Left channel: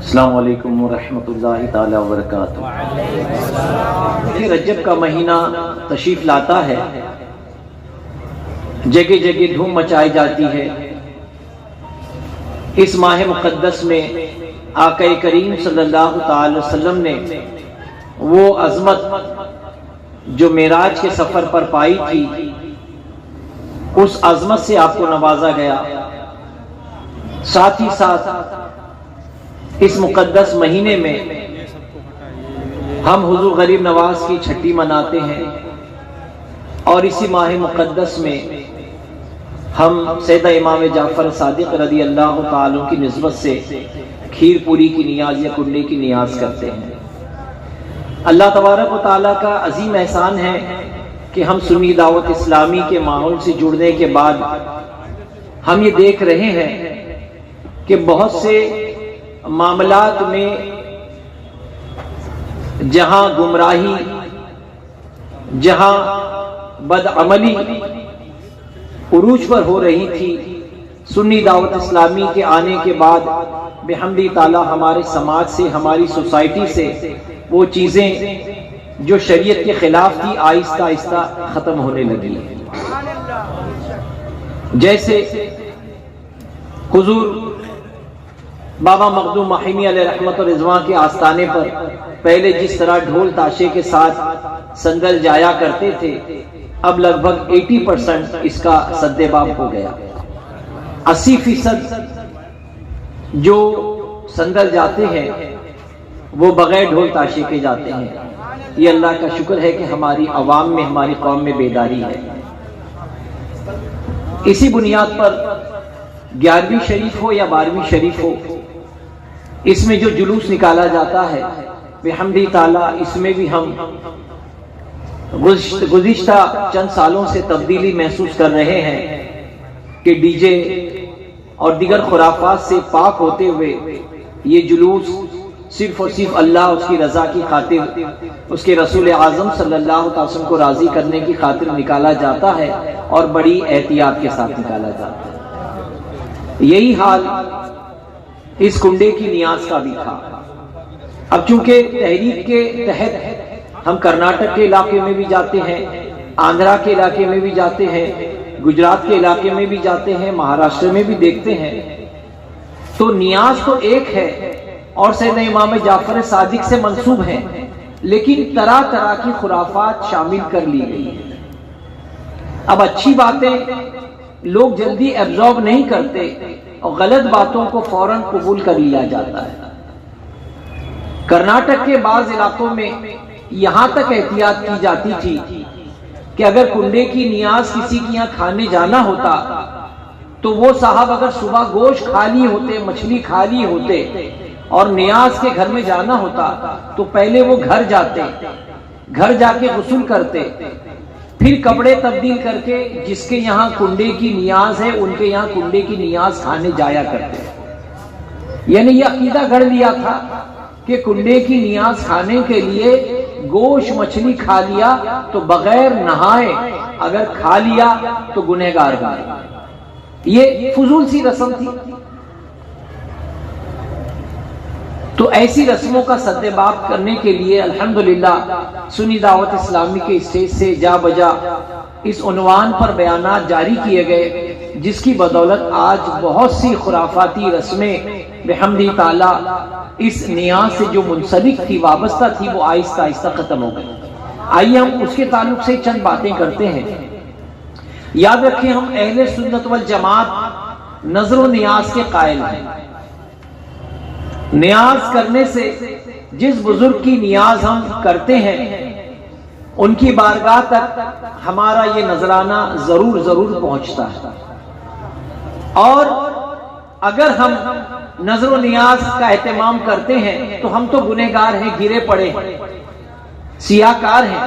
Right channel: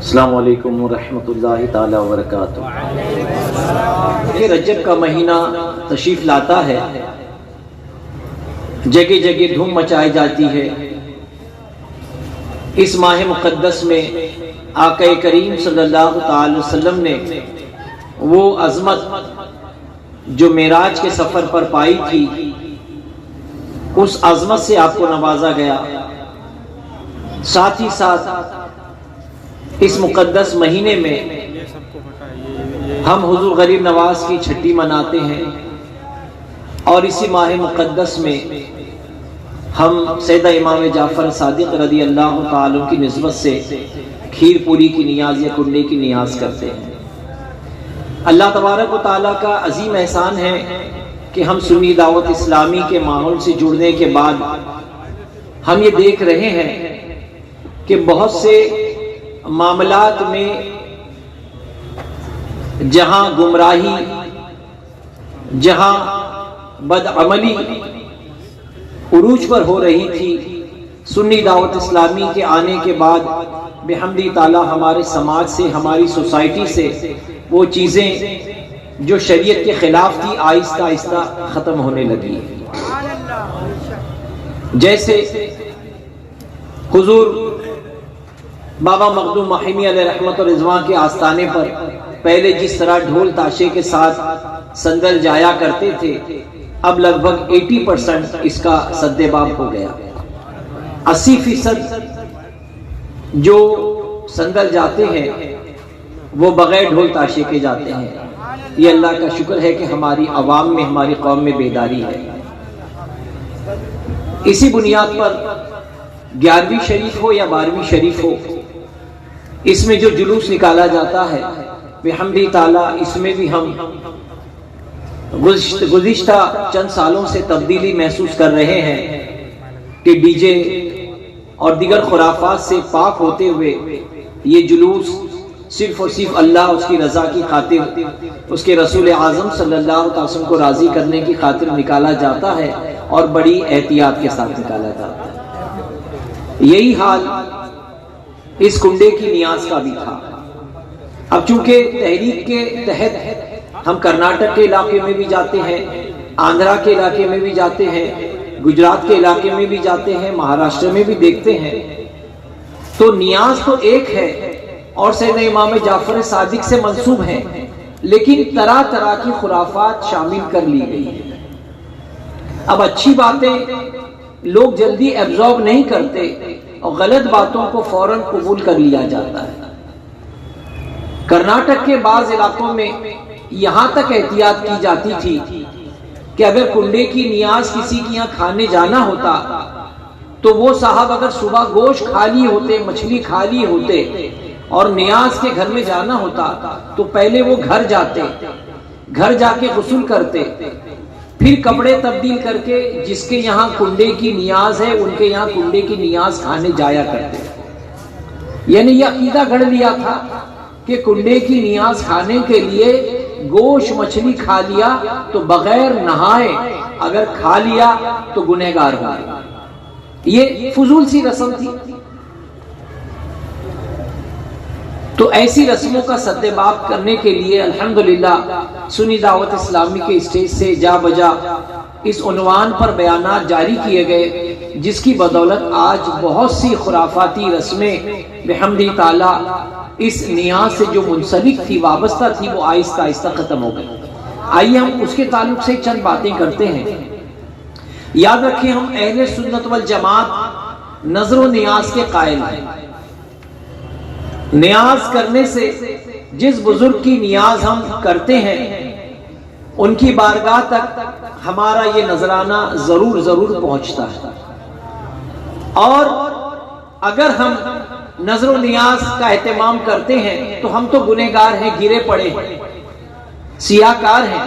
السلام علیکم ورحمۃ اللہ تعالی وبرکاتہ۔ رجب کا مہینہ تشریف لاتا ہے، جگہ جگہ دھوم مچائی جاتی ہے۔ اس ماہ مقدس میں آقا کریم صلی اللہ تعالی وسلم نے وہ عظمت جو معراج کے سفر پر پائی تھی، اس عظمت سے آپ کو نوازا گیا۔ ساتھ ہی ساتھ اس مقدس مہینے میں ہم حضور غریب نواز کی چھٹی مناتے ہیں، اور اسی ماہ مقدس میں ہم سیدہ امام جعفر صادق رضی اللہ تعالیٰ کی نسبت سے کھیر پوری کی نیاز یا کنڈے کی نیاز کرتے ہیں۔ اللہ تبارک و تعالیٰ کا عظیم احسان ہے کہ ہم سنی دعوت اسلامی کے ماحول سے جڑنے کے بعد ہم یہ دیکھ رہے ہیں کہ بہت سے معاملات میں جہاں گمراہی، جہاں بدعملی عروج پر ہو رہی تھی، سنی دعوت اسلامی کے آنے کے بعد بحمد تعالیٰ ہمارے سماج سے، ہماری سوسائٹی سے وہ چیزیں جو شریعت کے خلاف تھی آہستہ آہستہ ختم ہونے لگی۔ جیسے حضور بابا مخدوم ماہمی علیہ رحمت و رضوان کے آستانے پر پہلے جس طرح ڈھول تاشے کے ساتھ سندل جایا کرتے تھے، اب لگ بھگ 80% اس کا سد باب ہو گیا۔ 80% جو سندل جاتے ہیں وہ بغیر ڈھول تاشے کے جاتے ہیں۔ یہ اللہ کا شکر ہے کہ ہماری عوام میں، ہماری قوم میں بیداری ہے۔ اسی بنیاد پر 11ویں شریف ہو یا 12ویں شریف ہو، اس میں جو جلوس نکالا جاتا ہے بحمد تعالیٰ، اس میں بھی ہم گزشتہ چند سالوں سے تبدیلی محسوس کر رہے ہیں کہ ڈی جے اور دیگر خرافات سے پاک ہوتے ہوئے یہ جلوس صرف اور صرف اللہ، اس کی رضا کی خاطر، اس کے رسول اعظم صلی اللہ علیہ وسلم کو راضی کرنے کی خاطر نکالا جاتا ہے، اور بڑی احتیاط کے ساتھ نکالا جاتا ہے۔ یہی حال اس کنڈے کی نیاز کا بھی تھا۔ اب چونکہ تحریک کے تحت ہم کرناٹک کے علاقے میں بھی جاتے ہیں، آندھرا کے علاقے میں بھی جاتے ہیں، گجرات کے علاقے میں بھی جاتے ہیں، مہاراشٹر میں بھی دیکھتے ہیں، تو نیاز تو ایک ہے اور سیدنا امام جعفر صادق سے منسوب ہیں، لیکن طرح طرح کی خرافات شامل کر لی گئی ہیں۔ اب اچھی باتیں لوگ جلدی ایبزارب نہیں کرتے اور غلط باتوں کو فوراً قبول کر لیا جاتا ہے۔ کرناٹک کے بعض علاقوں میں یہاں تک احتیاط کی جاتی تھی کہ اگر کنڈے کی نیاز کسی کے یہاں کھانے جانا ہوتا تو وہ صاحب اگر صبح گوشت کھا لی ہوتے، مچھلی کھا لی ہوتے اور نیاز کے گھر میں جانا ہوتا تو پہلے وہ گھر جاتے، گھر جا کے غسل کرتے، پھر کپڑے تبدیل کر کے جس کے یہاں کنڈے کی نیاز ہے ان کے یہاں کنڈے کی نیاز کھانے جایا کرتے۔ یعنی یہ عقیدہ گھڑ لیا تھا کہ کنڈے کی نیاز کھانے کے لیے گوشت مچھلی کھا لیا تو بغیر نہائے اگر کھا لیا تو گنہگار گئے۔ یہ فضول سی رسم تھی۔ تو ایسی رسموں کا سد باب کرنے کے لیے الحمدللہ سنی دعوت اسلامی کے اسٹیج سے جا بجا اس عنوان پر بیانات جاری کیے گئے، جس کی بدولت آج بہت سی خرافاتی رسمیں بحمد تعالیٰ اس نیاز سے جو منسلک تھی، وابستہ تھی، وہ آہستہ آہستہ ختم ہو گئی۔ آئیے ہم اس کے تعلق سے چند باتیں کرتے ہیں۔ یاد رکھیں، ہم اہل سنت والجماعت نظر و نیاز کے قائل ہیں۔ نیاز کرنے سے جس بزرگ کی نیاز ہم کرتے ہیں ان کی بارگاہ تک ہمارا یہ نذرانہ ضرور پہنچتا ہے، اور اگر ہم نظر و نیاز کا اہتمام کرتے ہیں تو ہم تو گنہگار ہیں، گرے پڑے ہیں، سیاہ کار ہیں،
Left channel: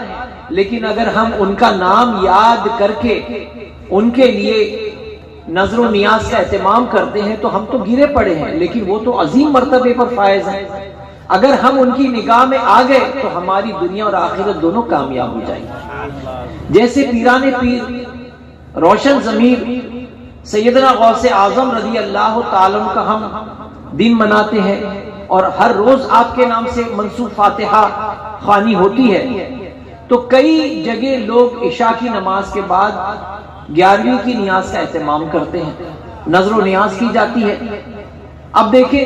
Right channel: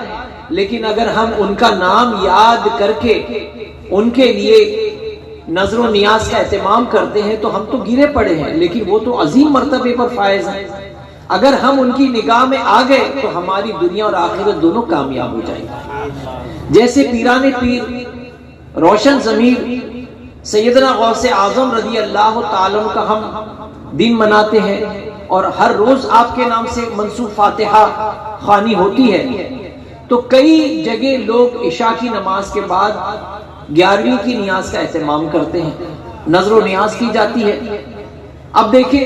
لیکن اگر ہم ان کا نام یاد کر کے ان کے لیے نظر و نیاز کا اہتمام کرتے ہیں تو ہم تو گرے پڑے ہیں، لیکن وہ تو عظیم مرتبے پر فائز ہیں۔ اگر ہم ان کی نگاہ میں آ گئے تو ہماری دنیا اور آخرت دونوں کامیاب ہو جائیں گے۔ جیسے پیران پیر روشن ضمیر سیدنا غوث اعظم رضی اللہ تعالیٰ کا ہم دن مناتے ہیں اور ہر روز آپ کے نام سے منسوب فاتحہ خوانی ہوتی ہے، تو کئی جگہ لوگ عشاء کی نماز کے بعد 11ویں کی نیاز کا اہتمام کرتے ہیں، نظر و نیاز کی جاتی ہے۔ اب دیکھیں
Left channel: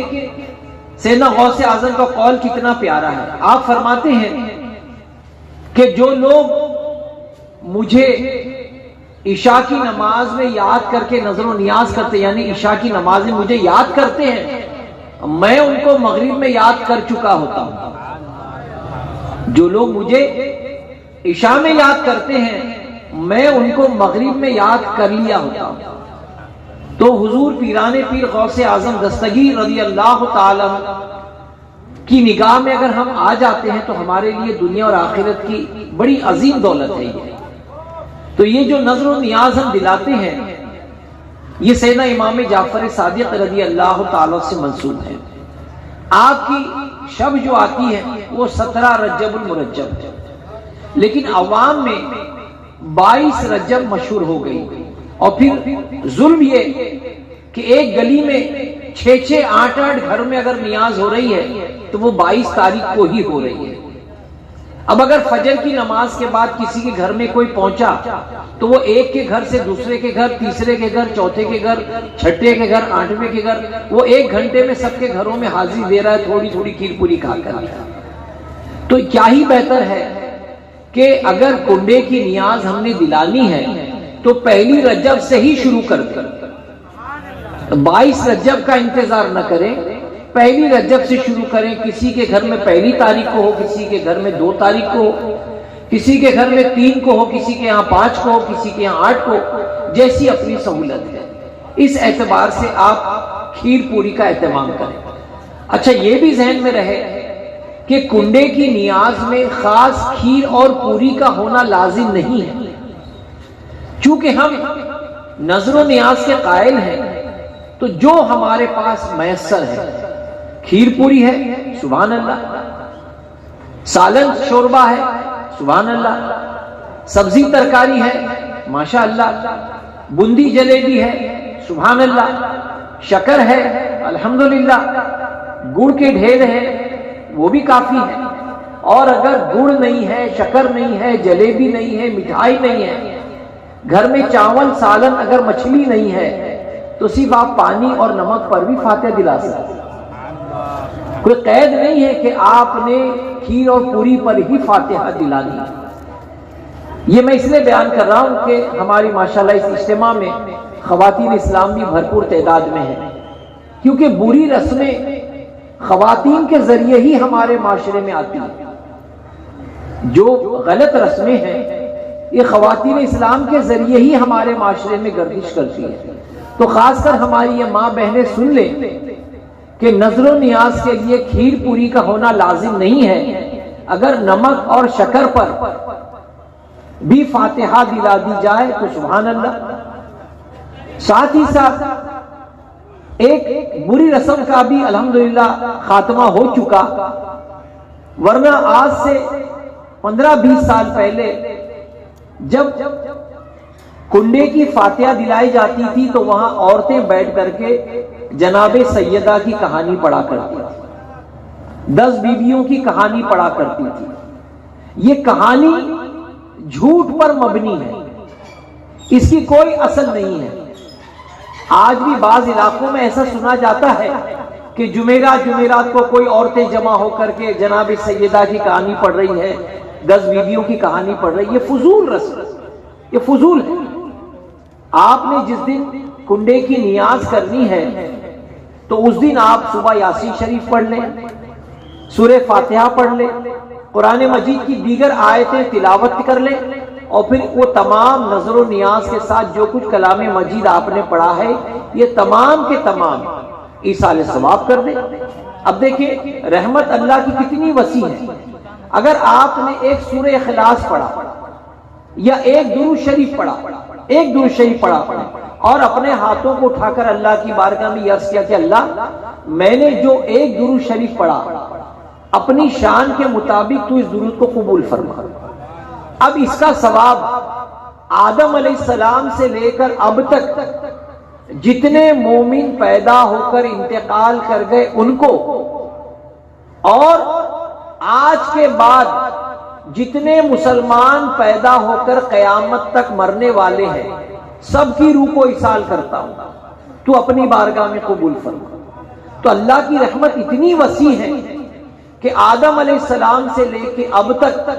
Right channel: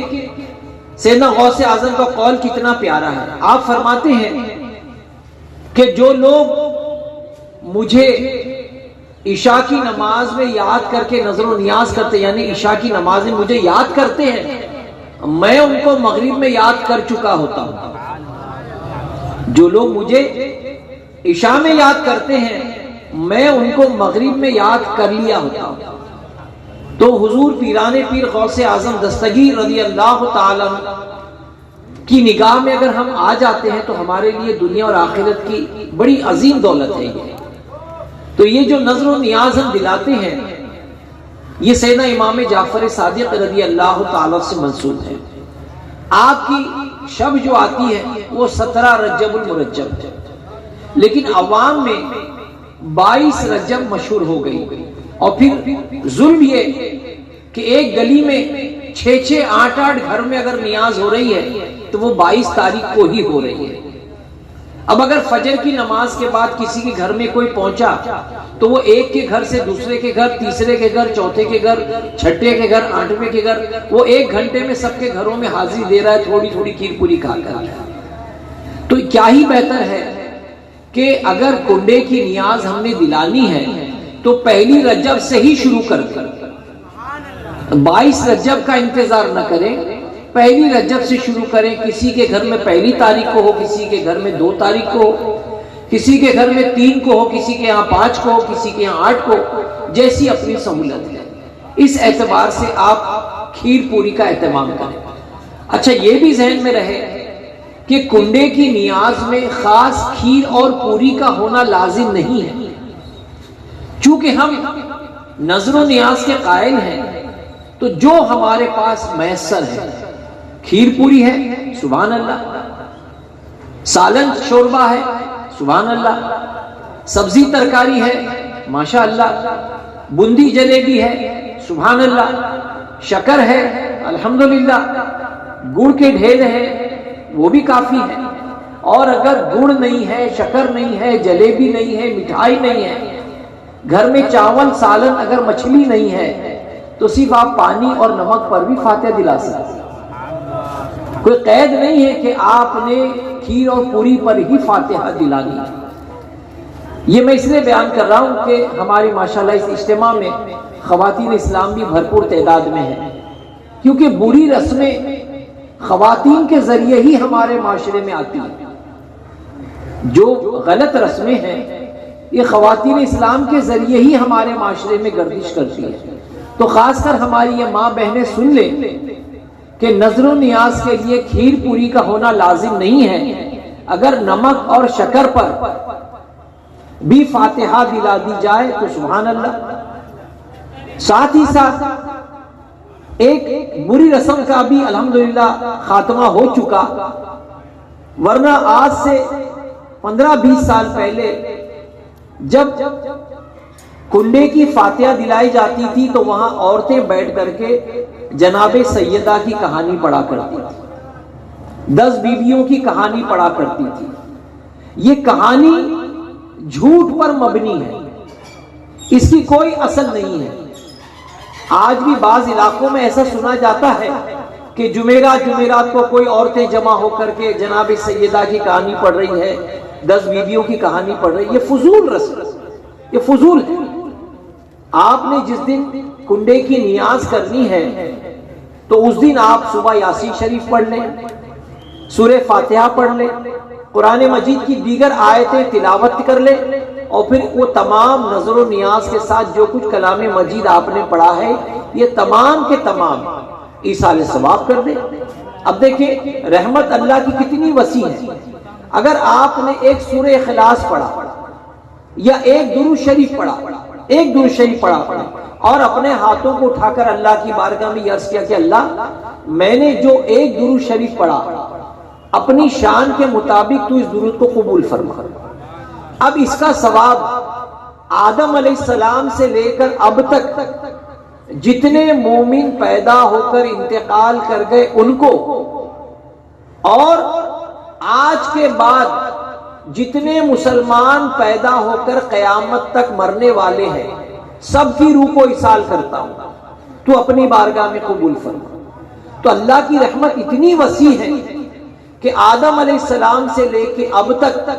سیدنا غوث اعظم کا قول کتنا پیارا ہے۔ آپ فرماتے ہیں کہ جو لوگ مجھے عشاء کی نماز میں یاد کر کے نظر و نیاز کرتے، یعنی عشاء کی نماز میں مجھے یاد کرتے ہیں، میں ان کو مغرب میں یاد کر چکا ہوتا ہوں۔ جو لوگ مجھے عشاء میں یاد کرتے ہیں، میں ان کو مغرب میں یاد کر لیا ہوتا ہوں۔ تو حضور پیران پیر غوث اعظم دستگیر رضی اللہ تعالی کی نگاہ میں اگر ہم آ جاتے ہیں تو ہمارے لیے دنیا اور آخرت کی بڑی عظیم دولت ہے یہ۔ تو یہ جو نظر و نیاز ہم دلاتے ہیں، یہ سیدنا امام جعفر صادق رضی اللہ تعالی سے منسوب ہے۔ آپ کی شب جو آتی ہے وہ 17 رجب المرجب، لیکن عوام میں 22 رجب مشہور ہو گئی، اور پھر ظلم یہ کہ ایک گلی میں 6 8 گھر میں اگر نیاز ہو رہی ہے تو وہ 22 تاریخ کو ہی ہو رہی ہے۔ اب اگر فجر کی نماز کے بعد کسی کے گھر میں کوئی پہنچا تو وہ ایک کے گھر سے دوسرے کے گھر، تیسرے کے گھر، چوتھے کے گھر، چھٹے کے گھر، 8ویں کے گھر، وہ 1 گھنٹے میں سب کے گھروں میں حاضری دے رہا ہے، تھوڑی تھوڑی کھیر پوری کھا کر۔ تو کیا ہی بہتر ہے کہ اگر کنڈے کی نیاز ہم نے دلانی ہے تو پہلی رجب سے ہی شروع کر دیں، 22 رجب کا انتظار نہ کریں، پہلی رجب سے شروع کریں۔ کسی کے گھر میں 1 تاریخ کو ہو، کسی کے گھر میں 2 تاریخ کو ہو، کسی کے گھر میں 3 کو ہو، کسی کے یہاں 5 کو ہو، کسی کے یہاں 8 کو، جیسی اپنی سہولت ہے۔ اس اعتبار سے آپ کھیر پوری کا اہتمام کریں۔ اچھا یہ بھی ذہن میں رہے کہ کنڈے کی نیاز میں خاص کھیر اور پوری کا ہونا لازم نہیں ہے، چونکہ ہم نظر و نیاز کے قائل ہیں تو جو ہمارے پاس میسر ہے، کھیر پوری ہے سبحان اللہ، سالن شوربہ ہے سبحان اللہ، سبزی ترکاری ہے ماشاء اللہ، بندی جلیبی ہے سبحان اللہ، شکر ہے الحمدللہ، گڑ کے ڈھیر ہے وہ بھی کافی ہے، اور اگر گڑ نہیں ہے، شکر نہیں ہے، جلیبی نہیں ہے، مٹھائی نہیں ہے، گھر میں چاول سالن اگر مچھلی نہیں ہے تو صرف آپ پانی اور نمک پر بھی فاتحہ دلا سکتے ہیں۔ کوئی قید نہیں ہے کہ آپ نے کھیر اور پوری پر ہی فاتحہ دلانی ہے۔ یہ میں اس لیے بیان کر رہا ہوں کہ ہماری ماشاءاللہ اس اجتماع میں خواتین اسلام بھی بھرپور تعداد میں ہیں، کیونکہ بری رسمیں خواتین کے ذریعے ہی ہمارے معاشرے میں آتی ہیں۔ جو غلط رسمیں ہیں یہ خواتین اسلام کے ذریعے ہی ہمارے معاشرے میں گردش کرتی ہے۔ تو خاص کر ہماری یہ ماں بہنیں سن لیں کہ نظر و نیاز کے لیے کھیر پوری کا ہونا لازم نہیں ہے، اگر نمک اور شکر پر بھی فاتحہ دلا دی جائے تو سبحان اللہ۔ ساتھ ہی ساتھ ایک بری رسم کا بھی الحمدللہ خاتمہ ہو چکا، ورنہ آج سے 15-20 سال پہلے جب کنڈے کی فاتحہ دلائی جاتی تھی تو وہاں عورتیں بیٹھ کر کے جناب سیدہ کی کہانی پڑھا کرتی تھی، 10 بیویوں کی کہانی پڑھا کرتی تھی۔ یہ کہانی جھوٹ پر مبنی ہے، اس کی کوئی اصل نہیں ہے۔ آج بھی بعض علاقوں میں ایسا سنا جاتا ہے کہ جمعرات کو کوئی عورتیں جمع ہو کر کے جناب سیدہ کی کہانی پڑھ رہی ہے، 10 بیویوں کی کہانی پڑھ رہی ہے۔ یہ فضول رسم، یہ فضول ہے۔ آپ نے جس دن کنڈے کی نیاز کرنی ہے تو اس دن آپ صبح یاسین شریف پڑھ لیں، سورہ فاتحہ پڑھ لیں، قرآن مجید کی دیگر آیتیں تلاوت کر لیں، اور پھر وہ تمام نظر و نیاز کے ساتھ جو کچھ کلام مجید آپ نے پڑھا ہے یہ تمام کے تمام ایصال ثواب کر دیں۔ اب دیکھیں رحمت اللہ کی کتنی وسیع ہے۔ اگر آپ نے ایک سورہ اخلاص پڑھا یا ایک درود شریف پڑھا اور اپنے ہاتھوں کو اٹھا کر اللہ کی بارگاہ میں عرض کیا کہ اللہ میں نے جو ایک درود شریف پڑھا اپنی شان کے مطابق تو اس درود کو قبول فرما، اب اس کا ثواب آدم علیہ السلام سے لے کر اب تک جتنے مومن پیدا ہو کر انتقال کر گئے ان کو، اور آج کے بعد جتنے مسلمان پیدا ہو کر قیامت تک مرنے والے ہیں سب کی روح کو ایصال کرتا ہوں، تو اپنی بارگاہ میں قبول فرما۔ تو اللہ کی رحمت اتنی وسیع ہے کہ آدم علیہ السلام سے لے کے اب تک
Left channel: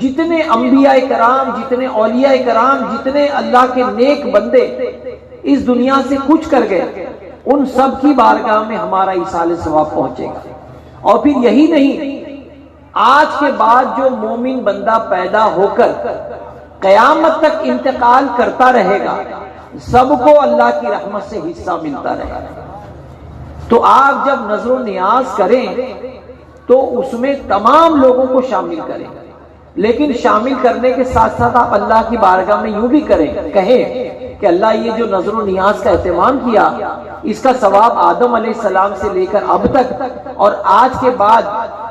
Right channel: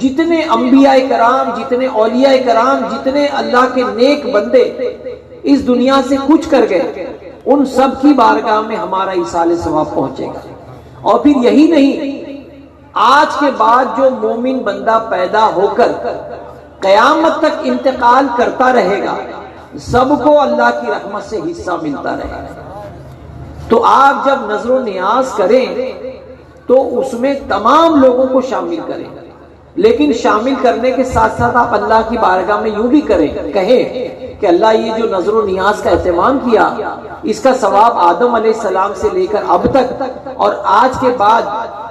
جتنے انبیاء کرام، جتنے اولیاء کرام، جتنے اللہ کے نیک بندے اس دنیا سے کچھ کر گئے، ان سب کی بارگاہ میں ہمارا ایصال ثواب پہنچے گا۔ اور پھر یہی نہیں، آج کے بعد جو مومن بندہ پیدا ہو کر قیامت تک انتقال کرتا رہے گا سب کو اللہ کی رحمت سے حصہ ملتا رہے گا۔ تو آپ جب نظر و نیاز کریں تو اس میں تمام لوگوں کو شامل کریں، لیکن شامل کرنے کے ساتھ ساتھ آپ اللہ کی بارگاہ میں یوں بھی کہیں کہ اللہ یہ جو نظر و نیاز کا اہتمام کیا اس کا ثواب آدم علیہ السلام سے لے کر اب تک اور آج کے بعد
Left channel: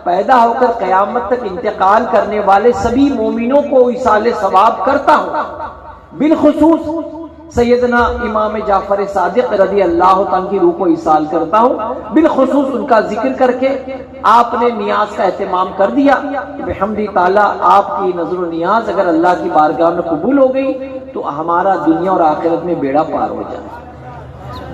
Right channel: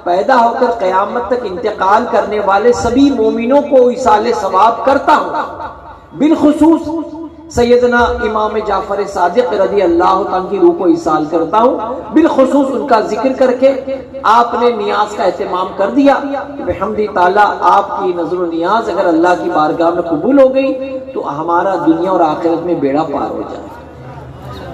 پیدا ہو کر قیامت تک انتقال کرنے والے سبھی مومنوں کو ایصال ثواب کرتا ہوں، بالخصوص سیدنا امام جعفر صادق رضی اللہ عنہ کی روح کو ایصال کرتا ہوں، بالخصوص ان کا ذکر کر کے آپ نے نیاز کا اہتمام کر دیا کہ بحمد تعالیٰ آپ کی نظر و نیاز اگر اللہ کی بارگاہ میں قبول ہو گئی تو ہمارا دنیا اور آخرت میں بیڑا پار ہو جائے۔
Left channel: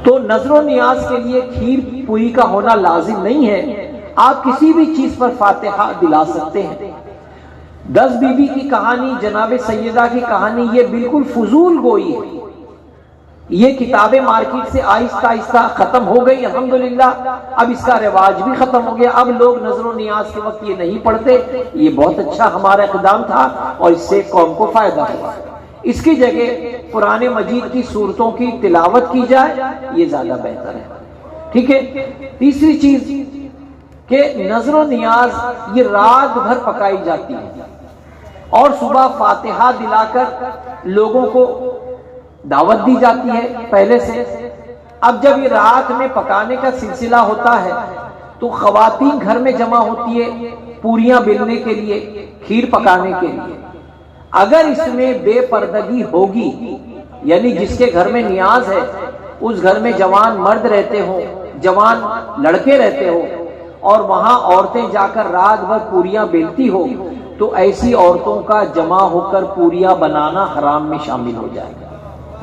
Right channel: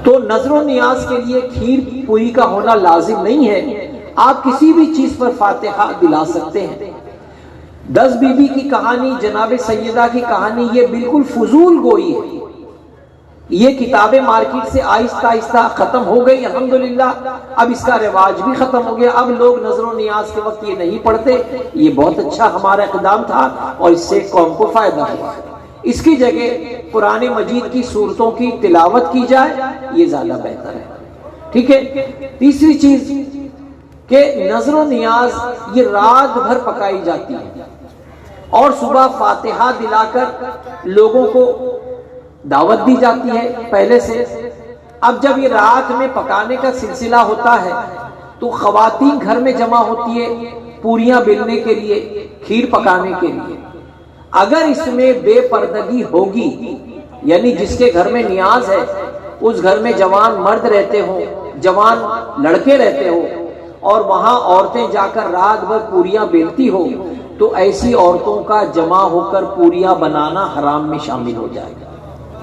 تو نظر و نیاز کے لیے کھیر پوری کا ہونا لازم نہیں ہے، آپ کسی بھی چیز پر فاتحہ دلا سکتے ہیں۔ 10 بی بی کی کہانی، جناب سیدہ کی کہانی، یہ بالکل فضول گوئی ہے۔ یہ کتابیں مارکیٹ سے آہستہ آہستہ ختم ہو گئی، الحمدللہ اب اس کا رواج بھی ختم ہو گیا، اب لوگ نظر و نیاز کے وقت یہ نہیں پڑھتے۔ یہ بہت اچھا ہمارا اقدام تھا اور اس سے قوم کو فائدہ ہوا۔ اس کی جگہ قرآن مجید کی سورتوں کی تلاوت کی جائے، یہ زیادہ بہتر ہے۔ ٹھیک ہے۔ تیسری چیز کہ نظر و نیاز یہ رات بھر پکائی جاتی ہے اور صبح فاتحہ دلا کر لوگوں کو دعوت دی جاتی ہے پہلے سے۔ اب جب یہ رات میں پکانے کا سلسلہ ہوتا ہے تو خواتین گھر میں جمع ہوتی ہے پوریاں بیلنے کے لیے، کھیر پکانے کے لیے۔ اگر اس میں بے پردگی ہوگی، یعنی جس کے گھر میں نیاز ہے اس گھر میں جوان مرد رہتے ہوں، جوان لڑکے رہتے ہوں اور وہاں عورتیں جا کر رات بھر پوریاں بیلتی ہو تو ایسی عورتوں کا جمع ہو کر پوریاں بنانا حرام میں شامل ہو جائے گا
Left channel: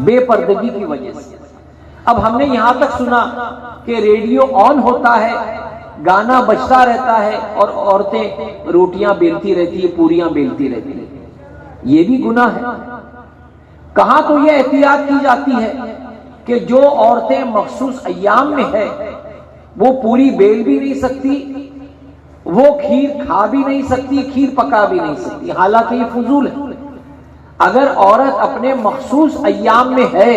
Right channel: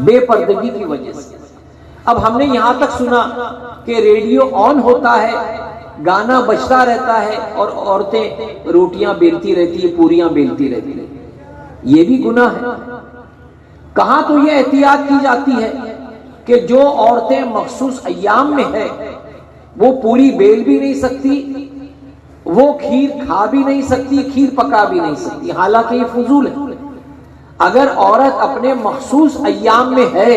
بے پردگی کی وجہ سے۔ اب ہم نے یہاں تک سنا کہ ریڈیو آن ہوتا ہے، گانا بجتا رہتا ہے اور عورتیں روٹیاں بیلتی رہتی ہے، پوریاں بیلتی رہتی ہے، یہ بھی گناہ ہے۔ کہاں تو یہ احتیاط کی جاتی ہے کہ جو عورتیں مخصوص ایام میں ہے وہ پوری بیل بھی نہیں سکتی، وہ کھیر کھا بھی نہیں سکتی، کھیر پکا بھی نہیں سکتی، حالانکہ یہ فضول ہے۔ اگر عورت اپنے مخصوص ایام میں ہے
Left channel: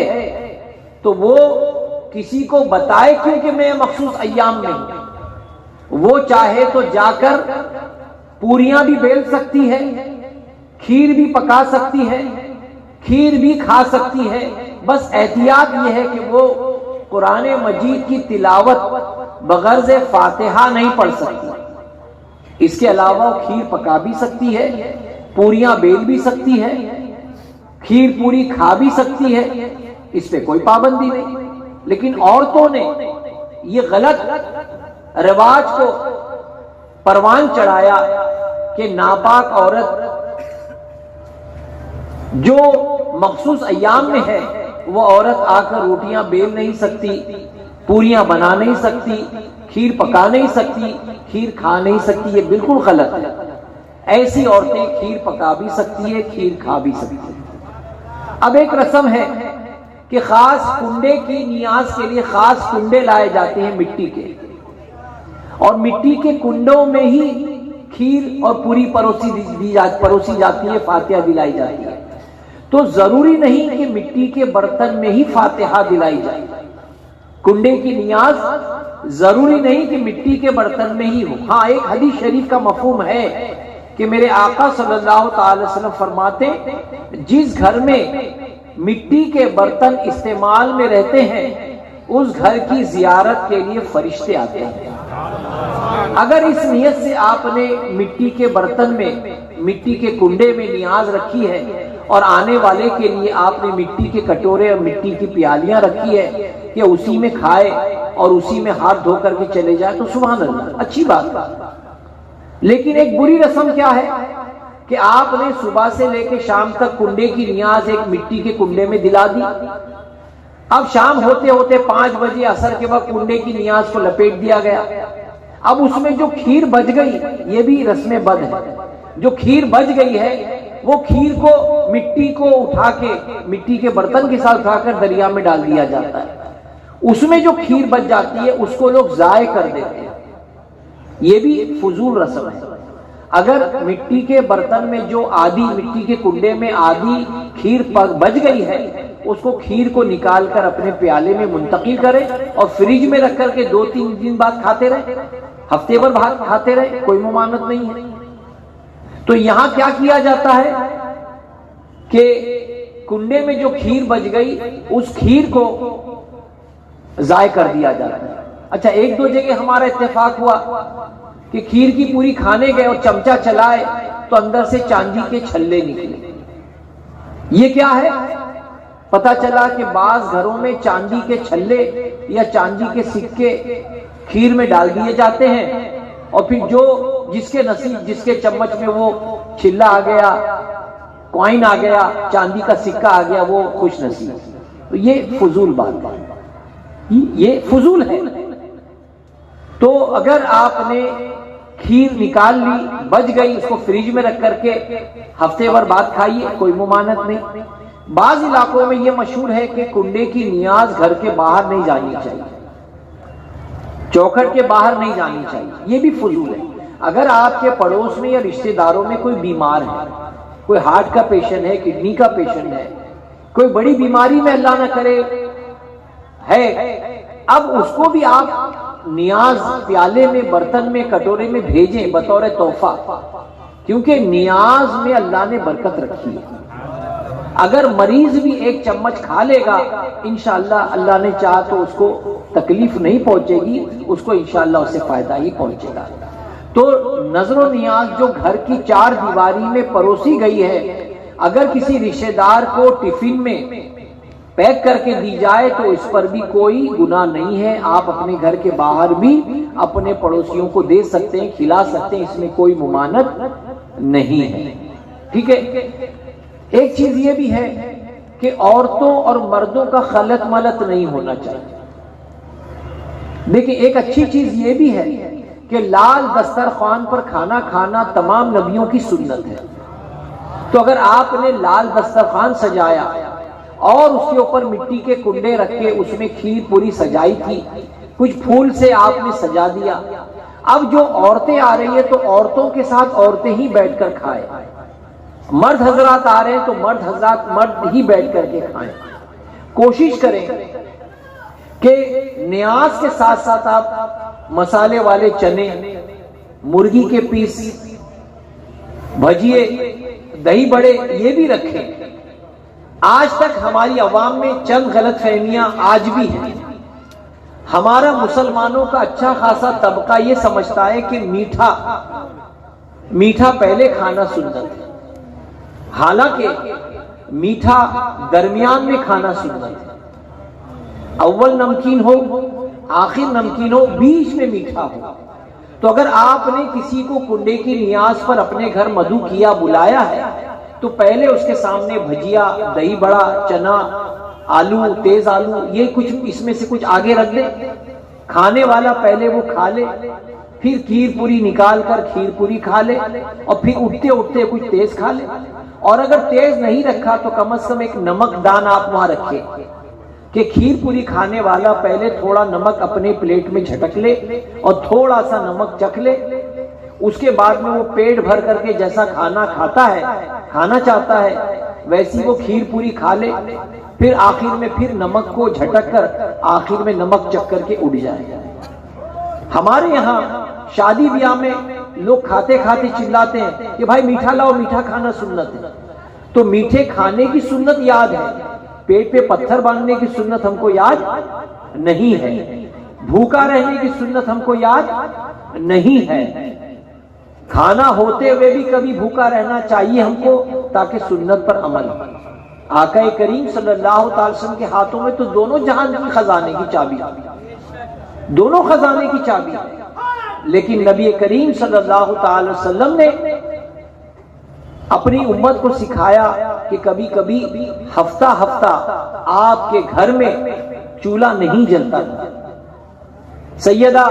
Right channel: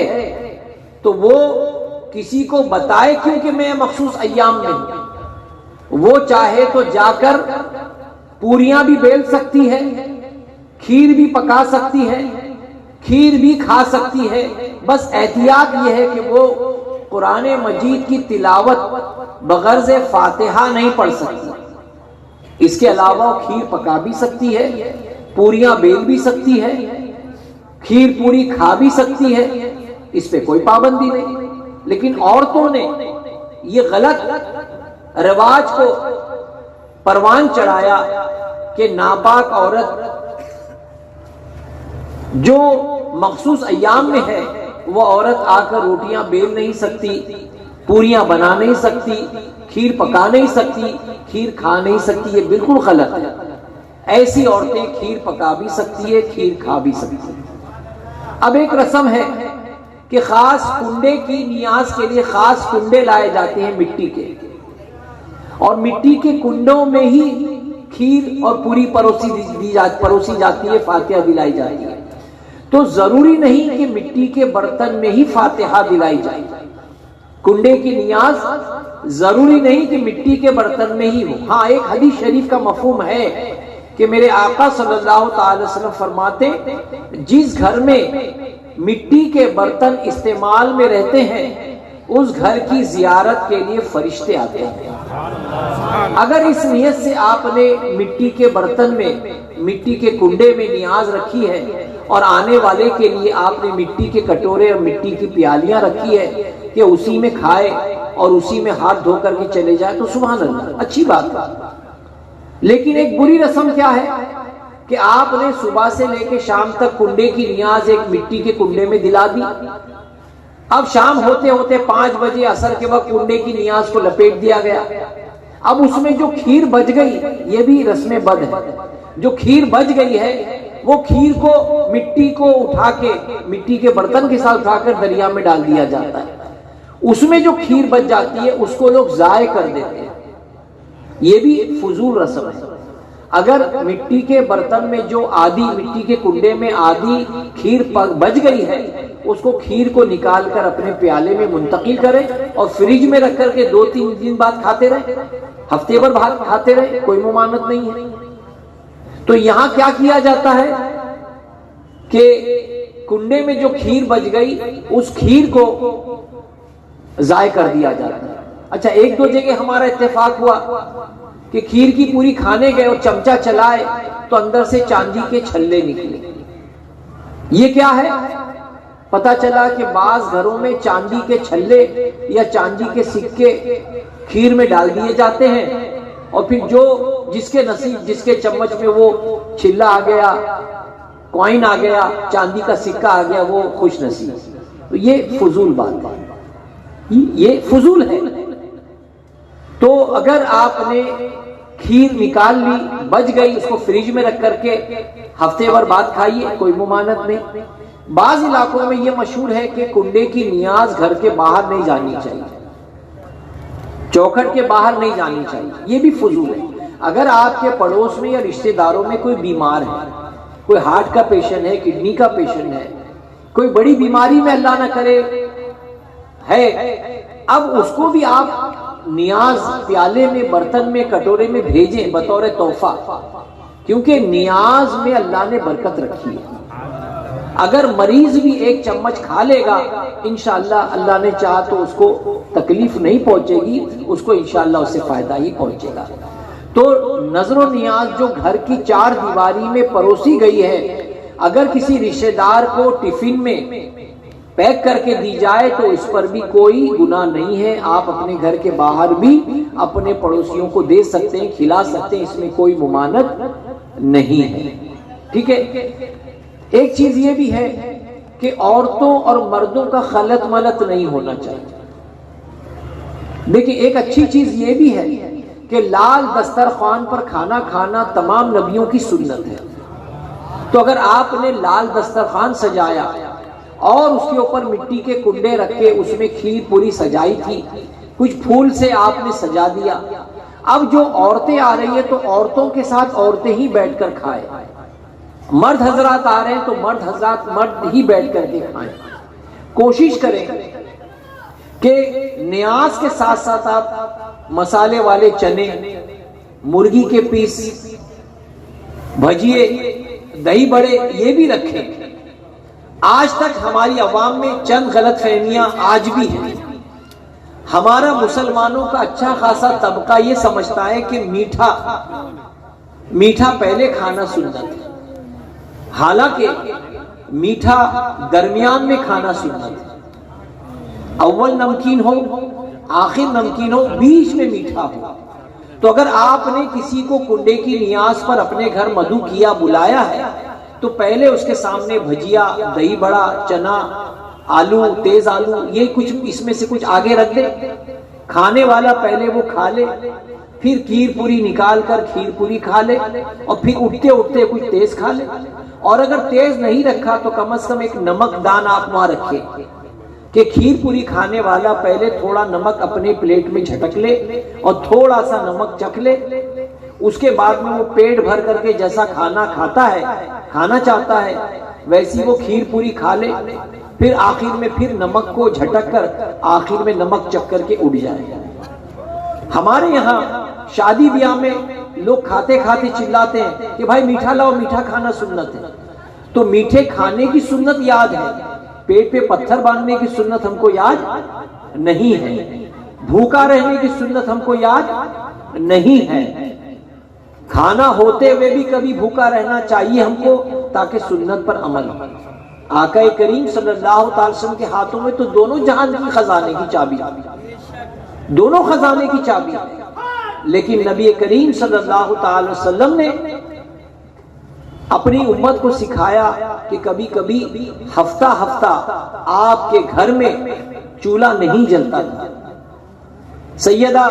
تو وہ کسی کو بتائے کیونکہ میں مخصوص ایام میں ہوں، وہ چاہے تو جا کر پوریاں بھی بیل سکتی ہے، کھیر بھی پکا سکتی ہے، کھیر بھی کھا سکتی ہے، بس احتیاط یہ ہے کہ وہ قرآن مجید کی تلاوت بغرض فاتحہ نہیں پڑھ سکتی۔ اس کے علاوہ کھیر پکا بھی سکتی ہے، پوریاں بیل بھی سکتی ہے، کھیر پوری کھا بھی سکتی ہے، اس پہ کوئی پابندی نہیں۔ لیکن عورتوں نے یہ غلط رواج کو پروان چڑھایا کہ ناپاک عورت جو مخصوص ایام میں ہے وہ عورت آ کر روٹیاں بیل نہیں سکتی، پوریاں بنا نہیں سکتی، کھیر پکا نہیں سکتی، کھیر کھا نہیں سکتی، یہ بالکل غلط ہے۔ ایسی عورتیں کھیر پکا بھی سکتی ہے، کھیر کھا بھی سکتی ہے۔ اب ایک رسم ہے کہ خاص کنڈے کی نیاز کے لیے خاص کنڈے لائے جاتے ہیں مٹی کے، اور مٹی کے کنڈوں میں ہی کھیر اور پوری پروسی جاتی ہے، فاتحہ دلائی جاتی ہے۔ تو ضروری نہیں کہ مٹی کے برتن میں ہی فاتحہ دلائی جائے، کنڈے کی نیاز ضروری نہیں کہ مٹی کے برتن میں ہی ہو۔ ہاں ایک حدیث شریف کا مفہوم ہے کہ میرے آقا صلی اللہ تعالی وسلم فرماتے جس گھر میں مٹی کے برتن استعمال میں رہتے ہیں اس گھر کی زیارت کے لیے فرشتے آتے ہیں۔ اگر اس نیت سے آپ نے مٹی کے برتن میں، مٹی کے کنڈے میں نیاز رکھی ہے اور آنے والے کے لیے آپ نے مٹی کے کٹورے اور مٹی کی پیالیاں رکھی ہے کہ اسی میں کھائے اور اسی میں ہاتھ دھو کر کے چلے جائے، تو سبحان اللہ، اچھی بات ہے۔ لیکن ایک بری رسم کیا ہے کہ آپ نے صبح سے لے کے شام تک کنڈے کی نیاز ایک مٹی کے کنڈے میں دلا دی، اب شام ہوتے ہوتے 5 بجے عصر کے وقت کنڈے کی نیاز کو لپیٹ دیا گیا، اب اس میں جو کھیر بچ گئی، یہ بھی رسم بد ہے، جو کھیر بچ گئی ہے وہ کھیر کو مٹی کو اٹھا کے مٹی کے برتن کے ساتھ اٹھا کر دریا میں ڈال دیا جاتا ہے، اس میں جو کھیر بچ جاتی ہے اس کو لوگ ضائع کر دیتے ہیں، یہ بھی فضول رسم ہے۔ اگر مٹی کے برتن میں جو آدھی مٹی کے کنڈے میں آدھی کھیر بچ گئی ہے، اس کو کھیر کو نکال کر اپنے پیالے میں منتقل کرے اور فریج میں رکھ کر کے 2-3 دن بعد کھاتے رہے، ہفتے بھر بعد کھاتے رہے، کوئی ممانعت نہیں ہے۔ تو یہاں کیا کیا جاتا ہے کہ کنڈے میں جو کھیر بچ گئی اس کھیر کو ضائع کر دیا جاتا ہے۔ اچھا، 1-2 جگہ ہمارا اتفاق ہوا کہ کھیر کی پوری کھانے گئے اور چمچہ چلائے تو اندر سے چاندی کے چھلے نکلے، یہ کیا ہے؟ پتا چلا کہ بعض گھروں میں چاندی کے چھلے یا چاندی کے سکے کھیر میں ڈال دیے جاتے ہیں، اور پھر جو جس کے نصیب، جس کے چمچ میں وہ چھلا آ گیا، کوائن آ گیا، چاندی کا سکہ آ گیا، وہ خوش نصیب۔ تو یہ فضول بات ہے، یہ فضول ہے۔ تو اگر آپ نے کھیر نکال لی، بچ گئی، اس کو فریج میں رکھ کر کے ہفتے بھر بعد کھائیے، کوئی ممانعت نہیں۔ بعض علاقوں میں یہ مشہور ہے کہ کنڈے کی نیاز گھر کے باہر نہیں جانی چاہیے، چوکھٹ کے باہر نہیں جانی چاہیے، یہ بھی فضول ہے۔ اگر آپ کے پڑوس میں یا رشتہ داروں میں کوئی بیمار ہے، کوئی ہارٹ کا پیشنٹ ہے، کڈنی کا پیشنٹ ہے، کوئی بڑی بیماری میں اللہ نہ کرے ہے، اب اس کو بھی آپ نیاز پیالے میں، برتن میں، کٹورے میں بھیجیں بطور تحفہ، کیونکہ نیاز میں اللہ نے برکت رکھی ہے۔ اگر مریض بھی 1 چمچ کھا لے گا، انشاءاللہ اللہ نے چاہا تو اس کو تکلیف نہیں پہنچے گی، اس کو انشاءاللہ اس سے فائدہ ہی پہنچے گا۔ تو نظر و نیاز جو گھر کی 4 دیواری میں پروسی گئی ہے، اگر کسی رشتہ دار کو ٹفن میں پیک کر کے دی جائے تو اس پر بھی کوئی گناہ نہیں ہے، آپ اپنے گھر کے باہر بھی اپنے پڑوسیوں کو دے سکتے ہیں، کھلا سکتے ہیں، اس میں کوئی ممانعت نہیں ہے، ٹھیک ہے۔ ایک چیز یہ بھی ہے کہ عورتوں اور مردوں کا خلط ملط نہیں ہونا چاہیے۔ دیکھیں، ایک اچھی چیز یہ بھی ہے کہ لال دسترخوان پر کھانا کھانا تمام نبیوں کی سنت ہے۔ تو اگر آپ نے لال دسترخوان سجایا اور اس کے اوپر مٹی کے کنڈے رکھے، اس میں کھیر پوری سجائی تھی، کچھ پھول سے آپ نے سجا دیا، اب جو عورتیں آ رہی ہیں تو عورتوں کے ساتھ عورتیں ہی بیٹھ کر کھائیں، مرد حضرات آ رہے ہیں تو مرد حضرات مرد ہی بیٹھ کر کے کھائیں۔ کوشش کریں کہ نیاز کے ساتھ ساتھ آپ مسالے والے چنے، مرغی کے پیس، بھجیے، دہی بڑے، یہ بھی رکھیں۔ آج تک ہماری عوام میں چند غلط فہمیاں آج بھی ہیں۔ ہمارا مسلمانوں کا اچھا خاصا طبقہ یہ سمجھتا ہے کہ میٹھا پہلے کھانا سنت ہے، حالانکہ میٹھا درمیان میں کھانا سنت ہے۔ اول نمکین ہو، آخر نمکین ہو، بیچ میں میٹھا ہو۔ تو اگر آپ نے کسی کو کنڈے کی نیاز پر اپنے گھر مدعو کیا، بلایا ہے، تو پہلے اس کے سامنے بھجیا، دہی بڑا، چنا، آلو، تیز آلو، یہ کچھ اس میں سے کچھ آگے رکھ دے، کھانے والا پہلے وہ کھا لے، پھر کھیر پوری نکال کر کھیر پوری کھا لے، اور پھر اٹھتے اٹھتے کچھ تیز کھا لے۔ اور اگر تیز نہیں رکھا تو کم از کم ایک نمک دان آپ وہاں رکھے کہ کھیر پوری کھانے والا پہلے تھوڑا نمک اپنے پلیٹ میں جھٹک لے اور تھوڑا سا نمک چکھ لے، اس کے بعد میں وہ پیٹ بھر کر کے جیسا کھانا کھاتا ہے، کھانا چاہتا ہے، ویسی وہ کھیر پوری کھا لے، پھر آخر میں پھر نمک کو جھٹک کر آخر میں نمک چکھ کر کے اڑ جائے۔ ہمارے یہاں شادی بیاہ میں لوگ کھاتے کھاتے چلاتے ہیں کہ بھائی میٹھا لاؤ، میٹھا کھانا سنت ہے۔ تو میٹھے کھانے کی سنت یاد ہے، پیٹ پہ پتھر باندھنے کی سنت ہم کو یاد نہیں ہے۔ بھوکا رہنے کی سنت ہم کو یاد نہیں ہے. کھانا ہوتے ہوئے بھی کبھی بھوکا رہنا چاہیے ہم کو تاکہ سنت پر عمل ہو. آقا کریم صلی اللہ تعالی وسلم کے ہاتھوں میں تو دونوں جہان کی خزانے کی چابی، دونوں خزانے کی چابی ہے. لیکن نبی کریم صلی اللہ تعالی وسلم نے اپنی امت کو سکھایا کہ کبھی کبھی ہفتہ ہفتہ آپ کے گھر میں چولہا نہیں جلتا تھا. سیدہ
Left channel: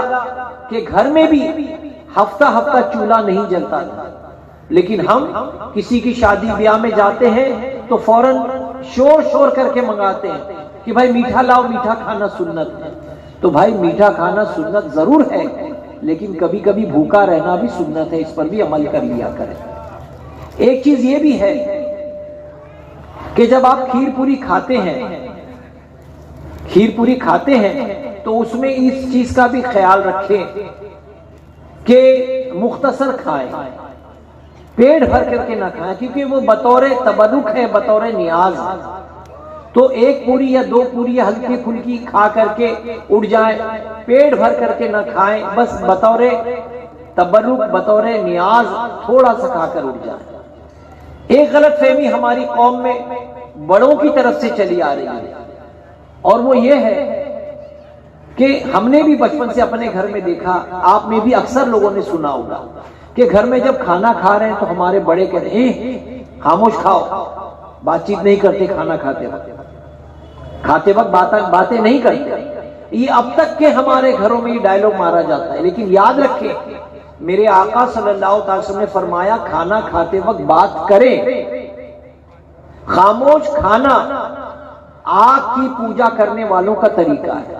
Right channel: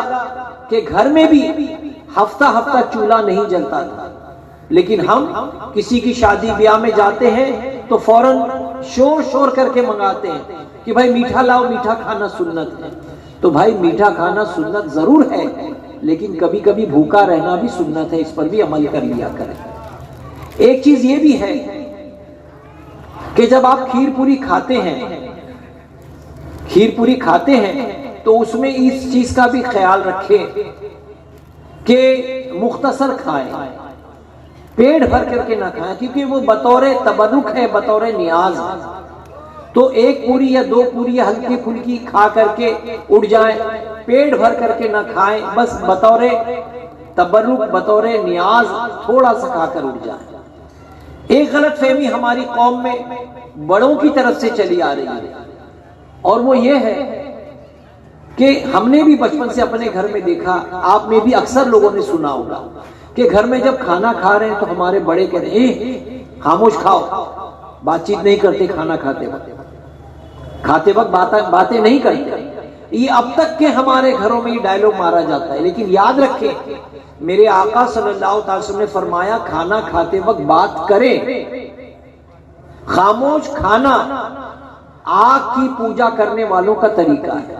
کے گھر میں بھی ہفتہ ہفتہ چولہا نہیں جلتا تھا. لیکن ہم کسی کی شادی بیاہ میں جاتے ہیں تو فوراً شور کر کے منگاتے ہیں کہ بھائی میٹھا لاؤ، میٹھا کھانا سنت ہے. تو بھائی میٹھا کھانا سنت ضرور ہے، لیکن کبھی کبھی بھوکا رہنا بھی سنت ہے، اس پر بھی عمل کر لیا کریں. ایک چیز یہ بھی ہے کہ جب آپ کھیر پوری کھاتے ہیں تو اس میں اس چیز کا بھی خیال رکھیں کہ مختصر کھائیں، پیٹ بھر کر کے نہ کھائیں، کیونکہ وہ بطور تبرک ہے، بطور نیاز ہے. تو ایک پوری یا دو پوری یا ہلکی پھلکی کھا کر کے اٹھ جائیں، پیٹ بھر کر کے نہ کھائیں، بس بطور تبرک، بطور نیاز تھوڑا سا کھا کر اٹھ جائیں. ایک غلط فہمی ہماری قوم میں بڑوں کی طرف سے چلی آ رہی ہے، اور وہ یہ ہے کہ ہم نے بھی بچپن سے اپنے گھر میں دیکھا، آپ میں بھی اکثر لوگوں نے سنا ہوگا کہ گھر میں جب کھانا کھا رہے ہیں تو ہمارے بڑے کہتے ہیں خاموش کھاؤ، بات چیت نہیں کرتے، کھانا کھاتے وقت باتیں نہیں کرتے. یہ اب تک کے ہمارے گھروں میں یہ ڈائلوگ مارا جاتا ہے. لیکن یاد رکھیں، میرے آقا صلی اللہ علیہ وسلم نے فرمایا کھانا کھاتے وقت بات کریں. خاموش کھانا آگ کی پوجا کرنے والوں کا طریقہ ہے.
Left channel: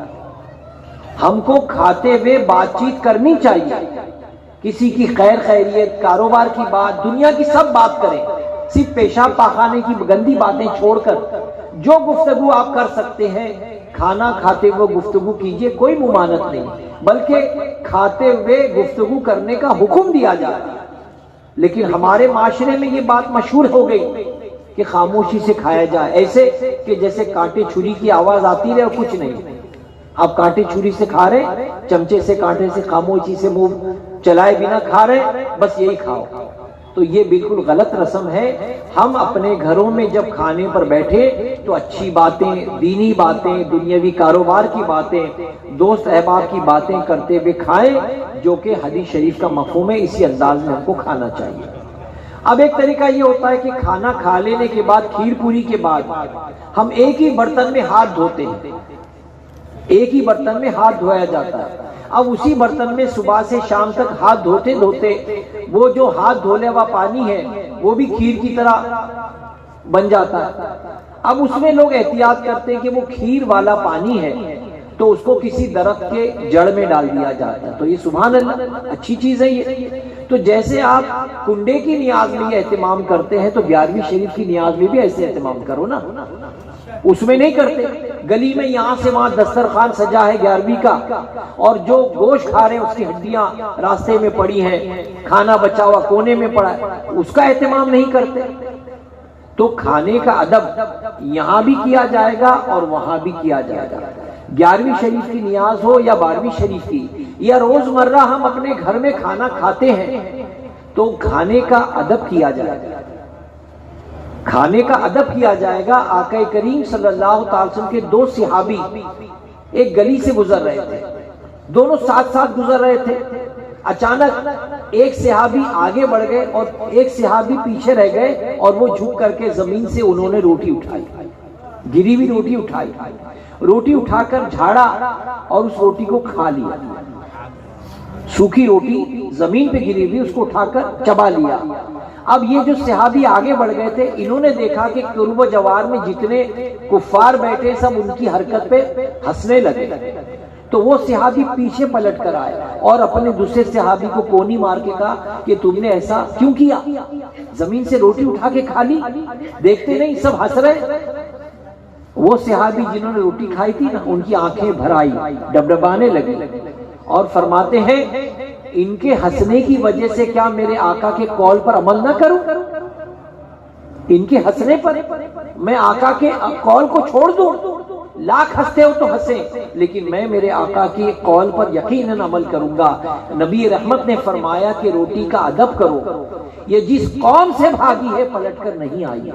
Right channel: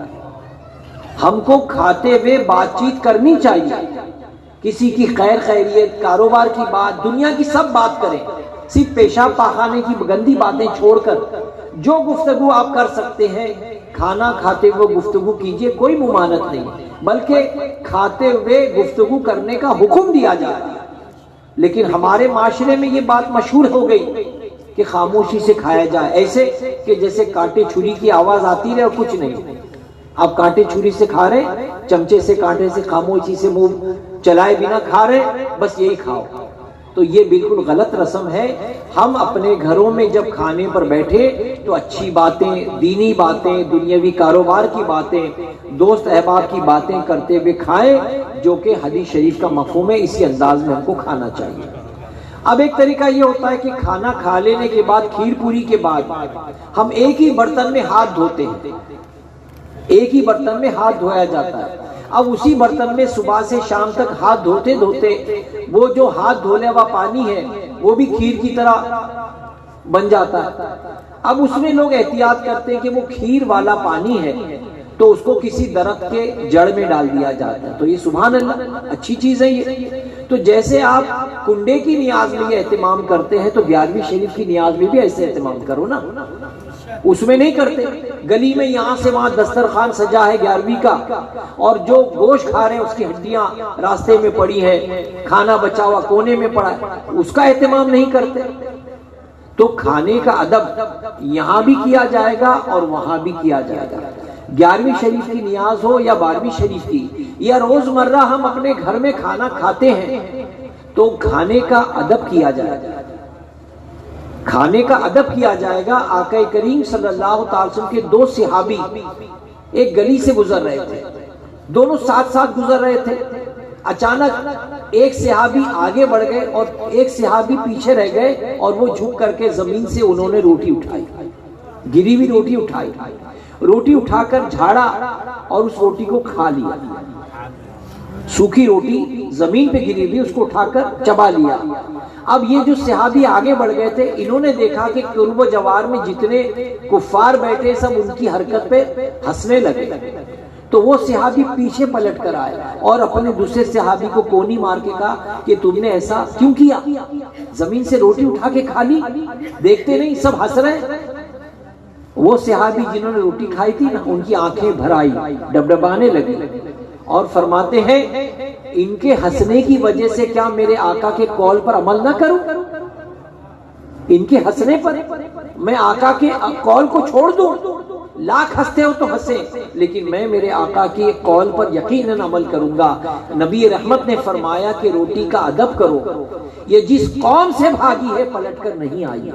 ہم کو کھاتے ہوئے بات چیت کرنی چاہیے، کسی کی خیر خیریت، کاروبار کی بات، دنیا کی سب بات کریں. صرف پیشاب پاخانے کی گندی باتیں چھوڑ کر جو گفتگو آپ کر سکتے ہیں کھانا کھاتے ہوئے گفتگو کیجئے. کوئی ممانعت نہیں، بلکہ کھاتے ہوئے گفتگو کرنے کا حکم دیا جاتا ہے. لیکن ہمارے معاشرے میں یہ بات مشہور ہو گئی کہ خاموشی سے کھایا جائے، ایسے کہ جیسے کانٹے چھری کی آواز آتی رہے اور کچھ نہیں. آپ کانٹے چھری سے کھا رہے، چمچے سے کانٹے سے خاموشی سے منہ چلائے بنا کھا رہے، بس یہی کھاؤ. تو یہ بالکل غلط رسم ہے. ہم اپنے گھروں میں جب کھانے پر بیٹھے تو اچھی باتیں، دینی باتیں، دنیاوی کاروبار کی باتیں، دوست احباب کی باتیں کرتے ہوئے کھائیں، جو کہ حدیث شریف کا مفہوم ہے. اسی انداز میں ہم کو کھانا چاہیے. اب ایک طریقہ یہ ہوتا ہے کہ کھانا کھا لینے کے بعد، کھیر پوری کے بعد ہم ایک ہی برتن میں ہاتھ دھوتے ہیں، ایک ہی برتن میں ہاتھ دھویا جاتا ہے. اب اسی برتن میں صبح سے شام تک ہاتھ دھوتے وہ جو ہاتھ دھونے ہوا پانی ہے وہ بھی کھیر کی طرح بن جاتا ہے. اب اس میں لوگ احتیاط کرتے ہیں کہ وہ کھیر والا پانی ہے تو اس کو کسی درخت کے جڑ میں ڈال دیا جاتا ہے. تو یہ سبحان اللہ اچھی چیز ہے. یہ تو جیسے آپ کنڈے کی نیاز میں یہ اہتمام کرتے ہیں تو 11ویں شریف کی نیاز میں بھی ایسے اہتمام کرو نا. اس میں نہیں کرتے. گلی میں یہاں سے وہاں دسترخوان سجا ہے 11ویں کا، اور جو گوشت کھا رہے ہیں اس کی ہڈیاں راستے میں پڑی ہیں، کھانا بچا ہوا کونے میں پڑا ہے، اس کا اہتمام نہیں کرتے. تو کھانے کا ادب یہاں بھی کیا جائے گا اور وہاں بھی کیا جائے گا. 11ویں شریف کی نیاز ہو یا 12ویں شریف کی، یا روزمرہ ہم اپنے گھر میں کھانا کھاتے ہیں تو کھانے کا ادب کیا جائے گا. کھانے کا ادب کیا جائے گا. آقا کریم صلی اللہ تعالی وسلم کے 2 صحابی ایک گلی سے گزر رہے تھے، دونوں ساتھ ساتھ گزر رہے تھے. اچانک ایک صحابی آگے بڑھ گئے اور ایک صحابی پیچھے رہ گئے، اور وہ جھک کر کے زمین سے انہوں نے روٹی اٹھائی، گری ہوئی روٹی اٹھائی، روٹی اٹھا کر جھاڑا اور اس روٹی کو کھا لیا. سوکھی روٹی زمین پہ گری ہوئی اس کو اٹھا کر چبا لیا. اب یہ جو صحابی آگے بڑھ گئے تھے، انہوں نے دیکھا کہ قرب و جوار میں جتنے کفار بیٹھے سب ان کی حرکت پہ ہنسنے لگے. تو وہ صحابی پیچھے پلٹ کر آئے اور اپنے دوسرے صحابی کو کونی مار کے کہا کہ تم نے ایسا کیوں کیا؟ زمین سے روٹی اٹھا کے کھا لی، دیکھتے نہیں سب ہنس رہے. وہ صحابی جنہوں نے روٹی کھائی تھی نا، ان کی آنکھیں بھر آئی، ڈبڈبانے لگے اور فرماتے ہیں ان کے ہنسنے کی وجہ سے کیا میرے آقا کے قول پر عمل نہ کروں؟ ان کے ہنسنے پر میں آقا کے قول کو چھوڑ دوں؟ لاکھ ہنستے ہو تو ہنسیں، لیکن میں میرے آقا کی قول پر یقیناً عمل کروں گا۔ نبی رحمت نے فرمایا کہ روٹی کا ادب کرو، یہ جس قوم سے بھاگی ہے پلٹ کر نہیں آئی،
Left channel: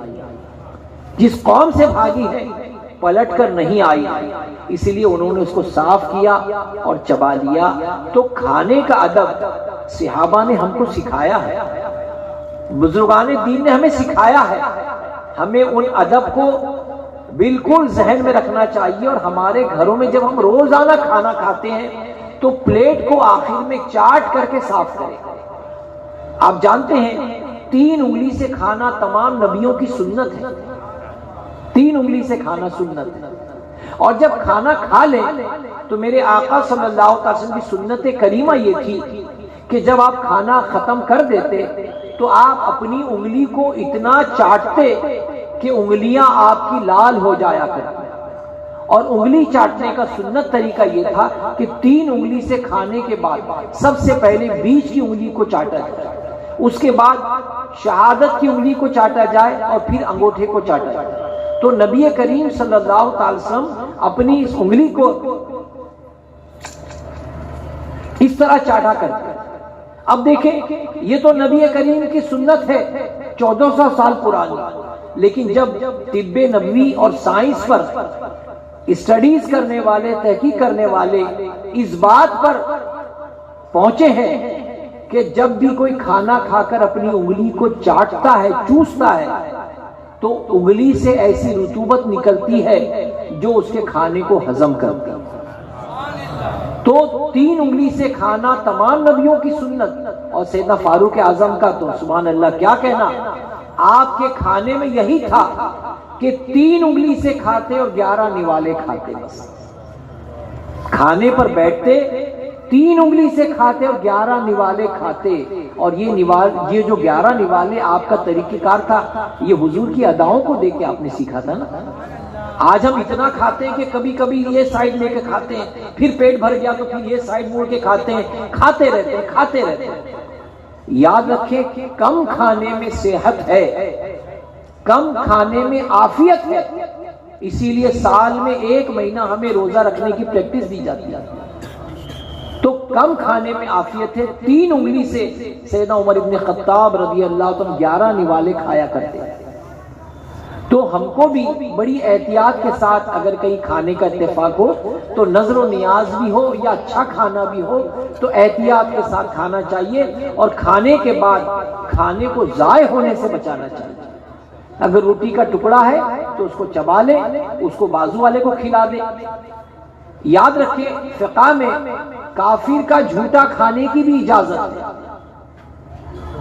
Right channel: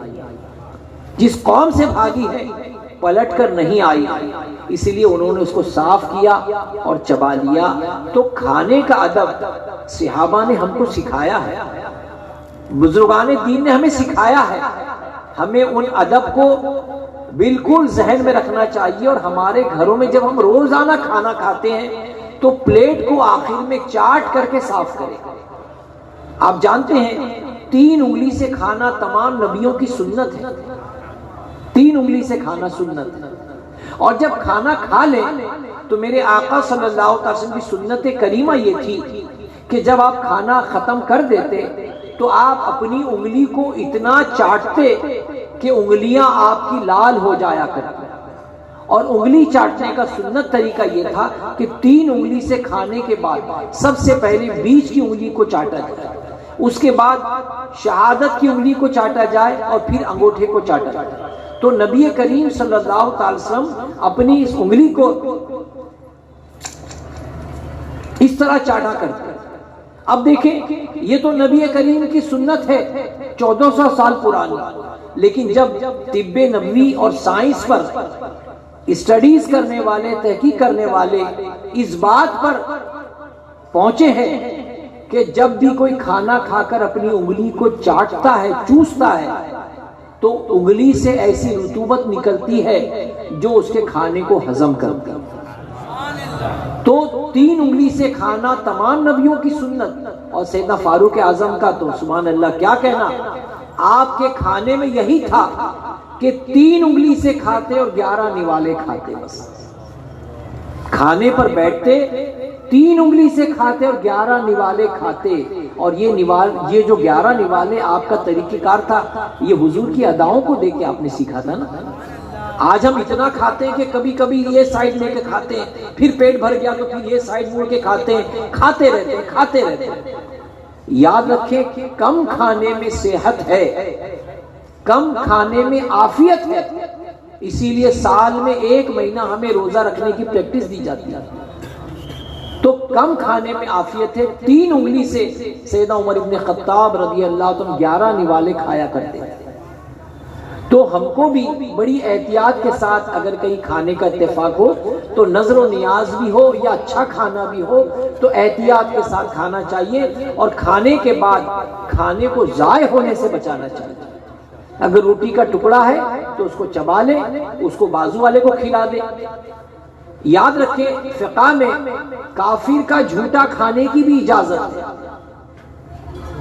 جس قوم سے بھاگی ہے پلٹ کر نہیں آئی، اسی لیے انہوں نے اس کو صاف کیا اور چبا لیا۔ تو کھانے کا ادب صحابہ نے ہم کو سکھایا ہے، بزرگان دین نے ہمیں سکھایا ہے، ہمیں ان ادب کو بالکل ذہن میں رکھنا چاہیے۔ اور ہمارے گھروں میں جب ہم روزانہ کھانا کھاتے ہیں تو پلیٹ کو آخر میں چاٹ کر کے صاف کریں۔ آپ جانتے ہیں 3 انگلی سے کھانا تمام نبیوں کی سنت ہے، 3 انگلی سے کھانا سنت ہے۔ اور جب کھانا کھا لیں تو میرے آقا صلی اللہ علیہ وسلم کی سنت کریمہ یہ تھی کہ جب آپ کھانا ختم کر دیتے تو آپ اپنی انگلی کو اتنا چاٹتے کہ انگلیاں آپ کی لال ہو جایا کرتی۔ اور انگلی چاٹنے کا سنت طریقہ یہ تھا کہ 3 انگلی سے کھانے کے بعد سب سے پہلے بیچ کی انگلی کو چاٹا جائے، اس کے بعد شہادت کی انگلی کو چاٹا جائے اور پھر انگوٹھے کو چاٹا جائے۔ تو نبی کریم صلی اللہ علیہ وسلم اپنی اس انگلی کو اس طرح چاٹا کرتے۔ اب دیکھیں یہ تو نبی کریم کی سنت ہے 1400 سال پرانی، لیکن جب طب نبوی اور سائنس پر اسٹڈیز کرنے والے، تحقیق کرنے والے اس بات پر پہنچے ہیں کہ جب بھی کوئی کھانا کھا کر اپنی انگلی کو چاٹتا ہے، چوستا ہے، تو انگلی سے ایسی رطوبت نکلتی ہے جو اس کے کھانے کو ہضم کرتی ہے۔ تو 3 انگلی سے کھانا تمام نبیوں کی سنت، اور سیدنا فاروق اعظم کا تو سبحان اللہ کیا کہنا، آپ کے کھانے میں یہی تھا کہ 3 انگلی سے کھاتے اور 11 نوالے کھاتے، بس کھانے پر بیٹھتے 3 انگلی سے کھاتے اور 11 نوالے کھاتے۔ اور یہ جو 11 نوالے آپ کا طریقہ کار تھا یہ حضور کی اداؤں کو دیکھ کے آپ نے سیکھا تھا نا۔ آج ہم اتنا کھاتے ہیں کہ کبھی کبھی یہ سائڈ لے کے کھاتے ہیں، پھر پیٹ بھر گیا تو پھر یہ سائڈ موڑ کے کھاتے ہیں، کھاتے رہتے ہیں۔ یاد رکھیں کہ کم کھانے میں صحت ہے، کم کھانے میں عافیت ہے، اسی لیے سال میں 1 مہینہ ہمیں روزہ رکھنے کی پریکٹس دی جاتی ہے۔ تو کم کھانے میں عافیت ہے۔ 3 انگلی سے سیدنا عمر ابن خطاب رضی اللہ عنہ 11 نوالے کھایا کرتے ہیں۔ تو ہم کو بھی بڑی احتیاط کے ساتھ اگر کہیں کھانے کا اتفاق ہو تو نظر و نیاز بھی ہو یا اچھا کھانا بھی ہو تو احتیاط کے ساتھ کھانا چاہیے، اور کھانے کے بعد کھانے کو ضائع ہونے سے بچانا چاہیے۔ اگر روٹی کا ٹکڑا ہے تو اس کو چبا لیں، اس کو بازو والے کو کھلا دیں۔ یاد رکھیں فقہ میں کافر کا جھوٹا کھانے کی بھی اجازت ہے،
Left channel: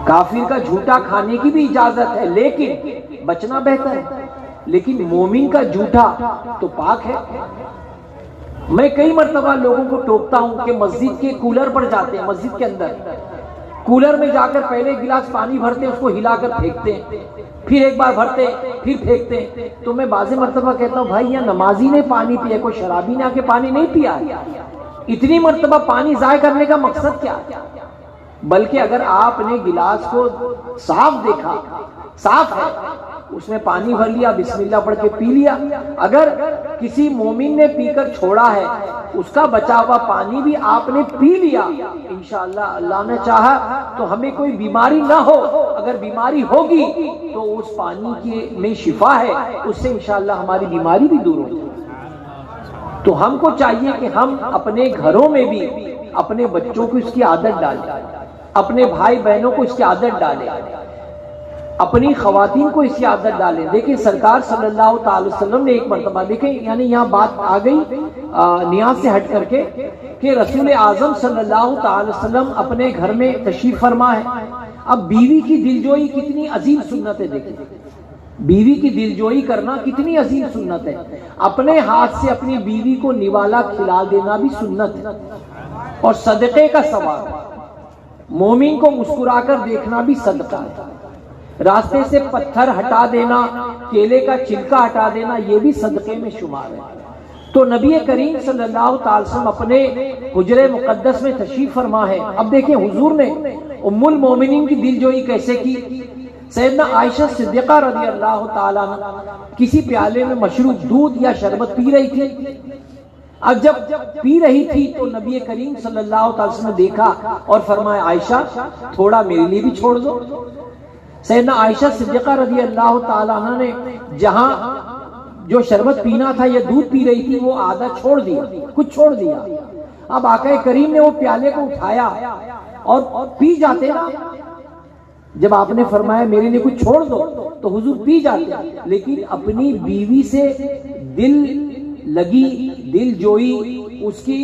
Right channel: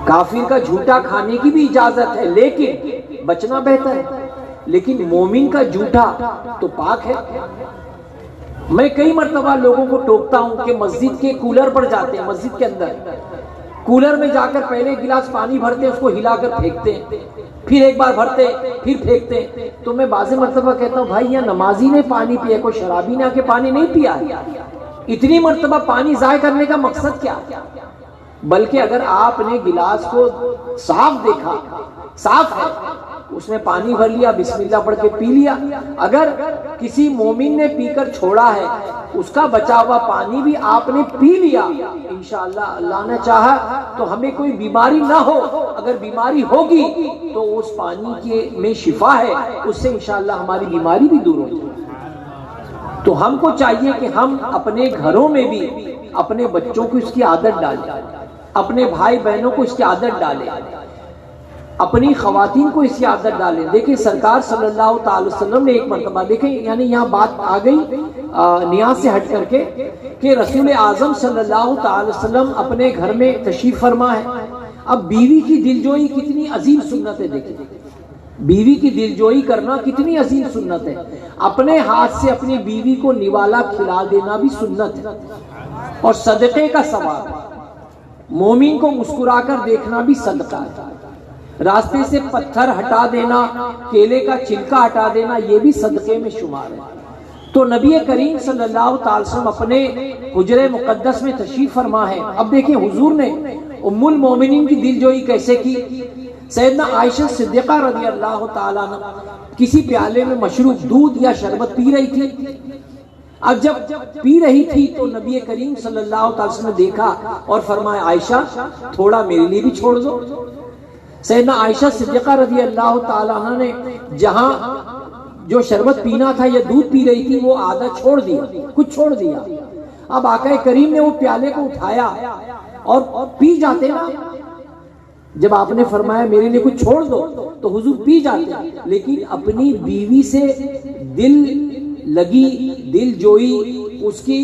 کافر کا جھوٹا کھانے کی بھی اجازت ہے، لیکن بچنا بہتر ہے۔ لیکن مومن کا جھوٹا تو پاک ہے۔ میں کئی مرتبہ لوگوں کو ٹوکتا ہوں کہ مسجد کے کولر پر جاتے ہیں، مسجد کے اندر کولر میں جا کر پہلے گلاس پانی بھرتے ہیں، اس کو ہلا کر پھینکتے ہیں، پھر ایک بار بھرتے ہیں، پھر پھینکتے ہیں۔ تو میں بعض مرتبہ کہتا ہوں بھائی یہاں نمازی نے پانی پیا، کوئی شرابی نے آ کے پانی نہیں پیا، اتنی مرتبہ پانی ضائع کرنے کا مقصد کیا؟ بلکہ اگر آپ نے گلاس کو صاف دیکھا، صاف ہے، اس میں پانی بھر لیا، بسم اللہ پڑھ کے پی لیا۔ اگر کسی مومن نے پی کر چھوڑا ہے، اس کا بچا ہوا پانی بھی آپ نے پی لیا، انشاءاللہ اللہ نے چاہا تو ہمیں کوئی بیماری نہ ہو۔ اگر بیماری ہوگی تو اس پانی کے میں شفا ہے، اس سے انشاءاللہ ہماری بیماری بھی دور ہو جائے۔ تو ہم کو چاہیے کہ ہم اپنے گھروں میں بھی اپنے بچوں کو اس کی عادت ڈالیں، اپنے بھائی بہنوں کو اس کی عادت ڈالیں، اپنی خواتین کو اس کی عادت ڈالیں۔ دیکھیں سرکار صلی اللہ تعالی وسلم نے ایک مرتبہ، دیکھیں یعنی یہاں بات آ گئی نیاز سے ہٹ کر کے کہ رسول اعظم صلی اللہ تعالی وسلم اپنے گھر میں تشریف فرما ہے۔ اب بیوی کی دلجوئی کتنی عظیم سنت ہے، دیکھیں بیوی کی دلجوئی کرنا کتنی عظیم سنت ہے۔ اپنے ہاتھ سے اپنی بیوی کو نوالا کھلا دینا بھی سنت ہے اور صدقے کا ثواب ہے۔ مومن کو مسکرا کر دیکھنا بھی صدقہ ہے۔ راستے سے پتھر ہٹا دینا، کیلے کا چھلکا ہٹا دینا، یہ بھی صدقے میں شمار ہے۔ تو نبی کریم صلی اللہ تعالی وسلم اپنے حجرے مقدس میں تشریف فرما ہے۔ اب دیکھیں حضور نے ام المومنین کی دلجوئی کیسے کی۔ سیدنا عائشہ صدیقہ رضی اللہ تعالیٰ عنہ کسی پیالے میں مشروب دودھ یا شربت پی رہی تھی. اب جب پی رہی تھی تو نبی کریم صلی اللہ علیہ وسلم نے دیکھا اور فرمایا عائشہ تھوڑا میرے لیے بھی چھوڑ دو. سیدنا عائشہ صدیقہ رضی اللہ تعالیٰ عنہ نے جہاں جو شربت پینا تھا یا دودھ پی رہی تھی وہ آدھا چھوڑ دیا, کچھ چھوڑ دیا. اب آقا کریم نے وہ پیالے کو اٹھایا اور پی جاتے نا. جب آپ نے فرمایا میرے لیے کچھ چھوڑ دو تو حضور پی جاتے, لیکن اپنی بیوی سے دل لگی, دل جوئی, اس کی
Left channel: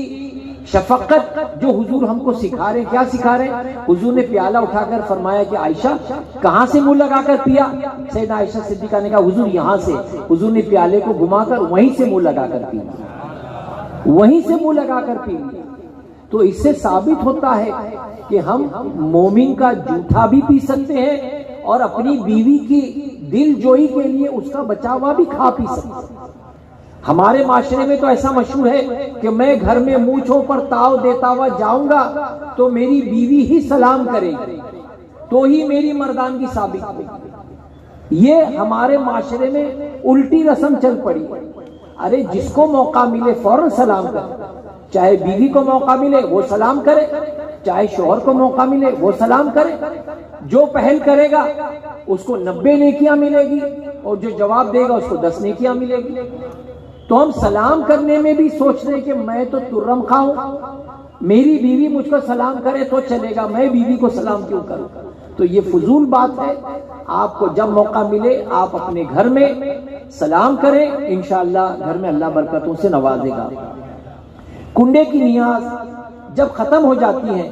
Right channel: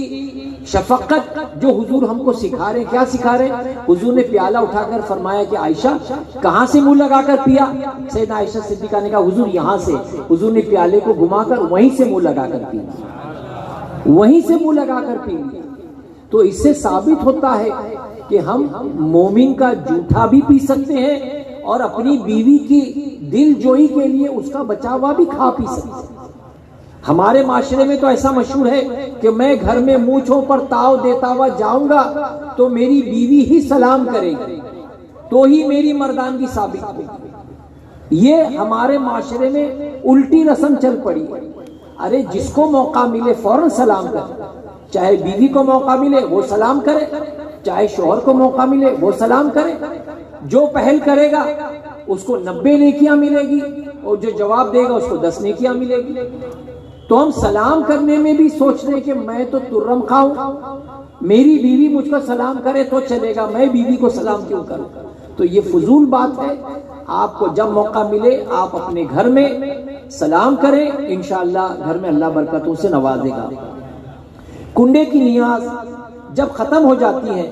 شفقت جو حضور ہم کو سکھا رہے, کیا سکھا رہے؟ حضور نے پیالہ اٹھا کر فرمایا کہ عائشہ کہاں سے منہ لگا کر پیا؟ سیدہ عائشہ صدیقہ نے کہا حضور یہاں سے. حضور نے پیالے کو گھما کر وہیں سے منہ لگا کر پیا, وہیں سے منہ لگا کر پی. تو اس سے ثابت ہوتا ہے کہ ہم مومن کا جھوٹا بھی پی سکتے ہیں اور اپنی بیوی کی دل جوئی کے لیے اس کا بچا ہوا بھی کھا پی سکتے ہیں. ہمارے معاشرے میں تو ایسا مشہور ہے کہ میں گھر میں مونچھوں پر تاؤ دیتا ہوا جاؤں گا تو میری بیوی ہی سلام کرے گی تو ہی میری مردانگی ثابت ہوگی. یہ ہمارے معاشرے میں الٹی رسم چل پڑی ہے. ارے جس کو موقع ملے فوراً سلام کرے, چاہے بیوی کو موقع ملے وہ سلام کرے, چاہے شوہر کو موقع ملے وہ سلام کرے. جو پہل کرے گا اس کو 90 نیکیاں ملے گی اور جو جواب دے گا اس کو 10 نیکیاں ملے گی. تو ہم سلام کرنے میں بھی سوچ رہے کہ میں تو ترم کھاؤں, میری بیوی مجھ کو سلام کرے تو چلے گا, میں بیوی کو سلام کیوں کروں؟ تو یہ فضول بات ہے. آپ کو جب موقع ملے آپ اپنے گھر میں سلام کریں, انشاءاللہ گھر میں اللہ برکتوں سے نوازے گا. کنڈے کی نیاز جب ختم ہو جاتی ہے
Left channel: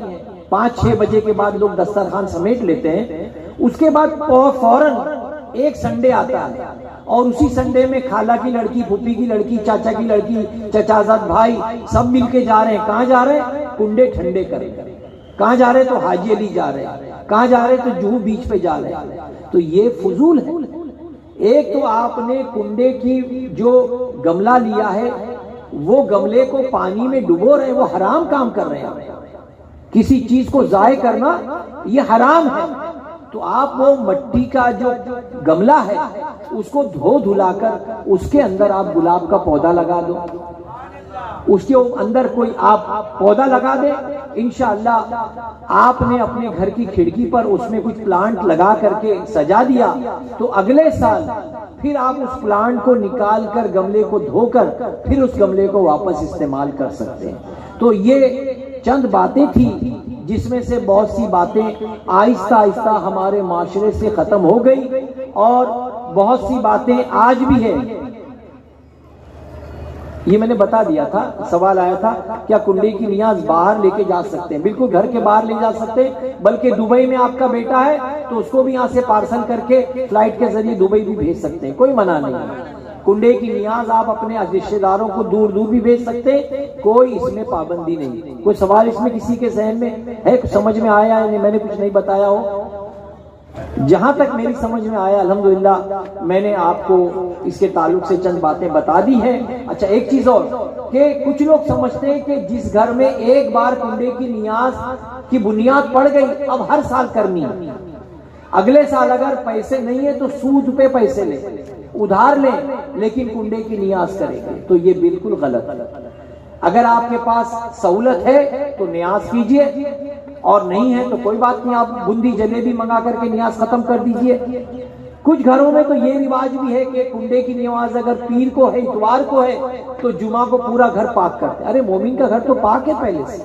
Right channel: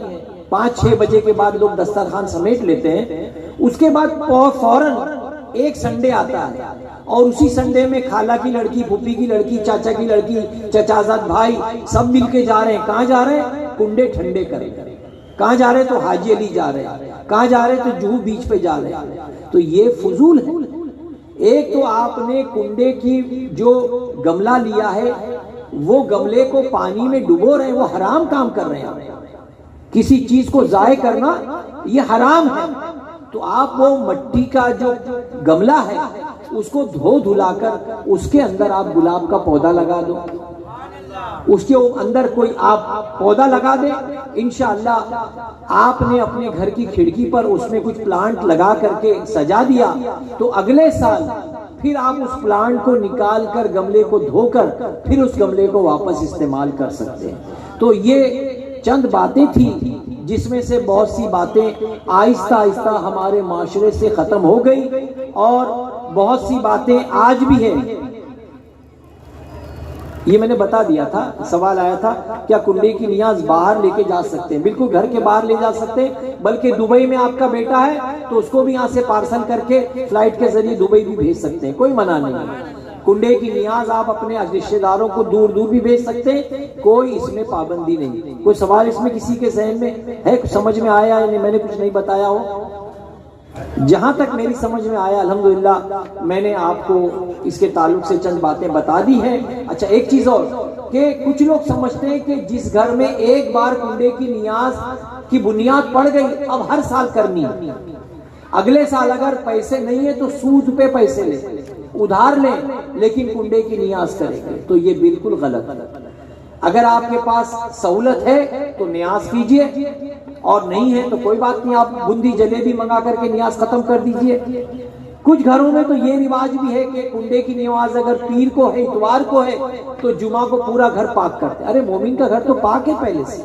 5-6 بجے کے بعد لوگ دسترخوان سمیٹ لیتے ہیں, اس کے بعد فوراً ایک سنڈے آتا ہے اور اسی سنڈے میں خالہ کی لڑکی, پھوپھی کی لڑکی, چاچا کی لڑکی, چچازاد بھائی سب مل کے جا رہے ہیں. کہاں جا رہے ہیں؟ کنڈے ٹھنڈے کریں. کہاں جا رہے ہیں؟ تو حاجی علی جا رہے ہیں. کہاں جا رہے ہیں؟ تو جوہو بیچ پہ جا رہے ہیں. تو یہ فضول ہے. ایک تو آپ نے کنڈے کی جو گملہ لیا ہے وہ گملے کو پانی میں ڈبو رہے ہیں, وہ حرام کام کر رہے ہیں. کسی چیز کو ضائع کرنا یہ حرام ہے. تو آپ وہ مٹی کا جو گملہ ہے اس کو دھو دھلا کر اس کے اندر آپ گلاب کا پودا لگا دو, اس کے اندر کوئی آپ پودا لگا دیں. انشاءاللہ آپ نے اپنے گھر کی کھڑکی پر اس میں کچھ پلانٹ لگا کر کے سجا دیا تو اگلے سال پھر آپ اس پلانٹ کو نکال کر گملے کو دھو کر پھر اس گملے کو واپس استعمال کر سکتے ہیں. تو یہ چند باتیں تھی جس میں سے بہت سی باتیں آہستہ آہستہ ہمارے معاشرے سے ختم ہو گئی اور بہت سی باتیں آج بھی ہیں. یہ میں نے بتا دیا تھا, سوال آیا تھا کیا کنڈے کی نیاز باہر لے کے جا سکتے ہیں؟ بالکل گھر کے باہر لے جا سکتے ہیں, بلکہ دبئی میں آپ کا بیٹا ہے تو اس کو بھی یہاں سے پارسل کر کے فلائٹ کے ذریعے دبئی بھی بھیج سکتے ہیں, کوئی منع نہیں. کنڈے کی نیاز آپ اپنے رشتہ داروں کو دور دور بھی بھیج سکتے ہیں, کوئی اس میں پابندی نہیں. کوئی سوال اس میں کسی کے ذہن میں ہے, سمجھ میں آیا ہے؟ میں نے کچھ نہیں بتایا ہو؟ جہاں تک میری سمجھ میں آیا الحمدللہ میں نے آپ کو اس کے تعلق سے چند باتیں بتا دی ہیں. اچھا ایک چیز اور کہ کچھ لوگ سمجھتے ہیں کہ جس گھر میں ایک بار کنڈے کی نیاز کی بنیاد پڑ گئی اب ہر سال کرنی ہے, اگلے سال اگر پیسے نہیں ہے تو سود پہ پیسے لیں, ادھار لیں, لیکن کنڈے کی نیاز کریں گے. تو یہ بالکل غلط ہے. اگر آپ کے پاس سہولت ہے تو نیاز کیجئے اور نہیں ہے تو کوئی بات نہیں, آپ بندی جلیبی منگا کر کے نیاز ختم کر دیجئے. کچھ گھروں میں تو یہ رواج بھی ہے کہ کنڈے کی نیاز اگر پیر کو ہے, اتوار کو ہے تو جمعہ کو پورا گھر پاک کرتے. ارے مومن کا گھر تو پاک ہے پہلے سے,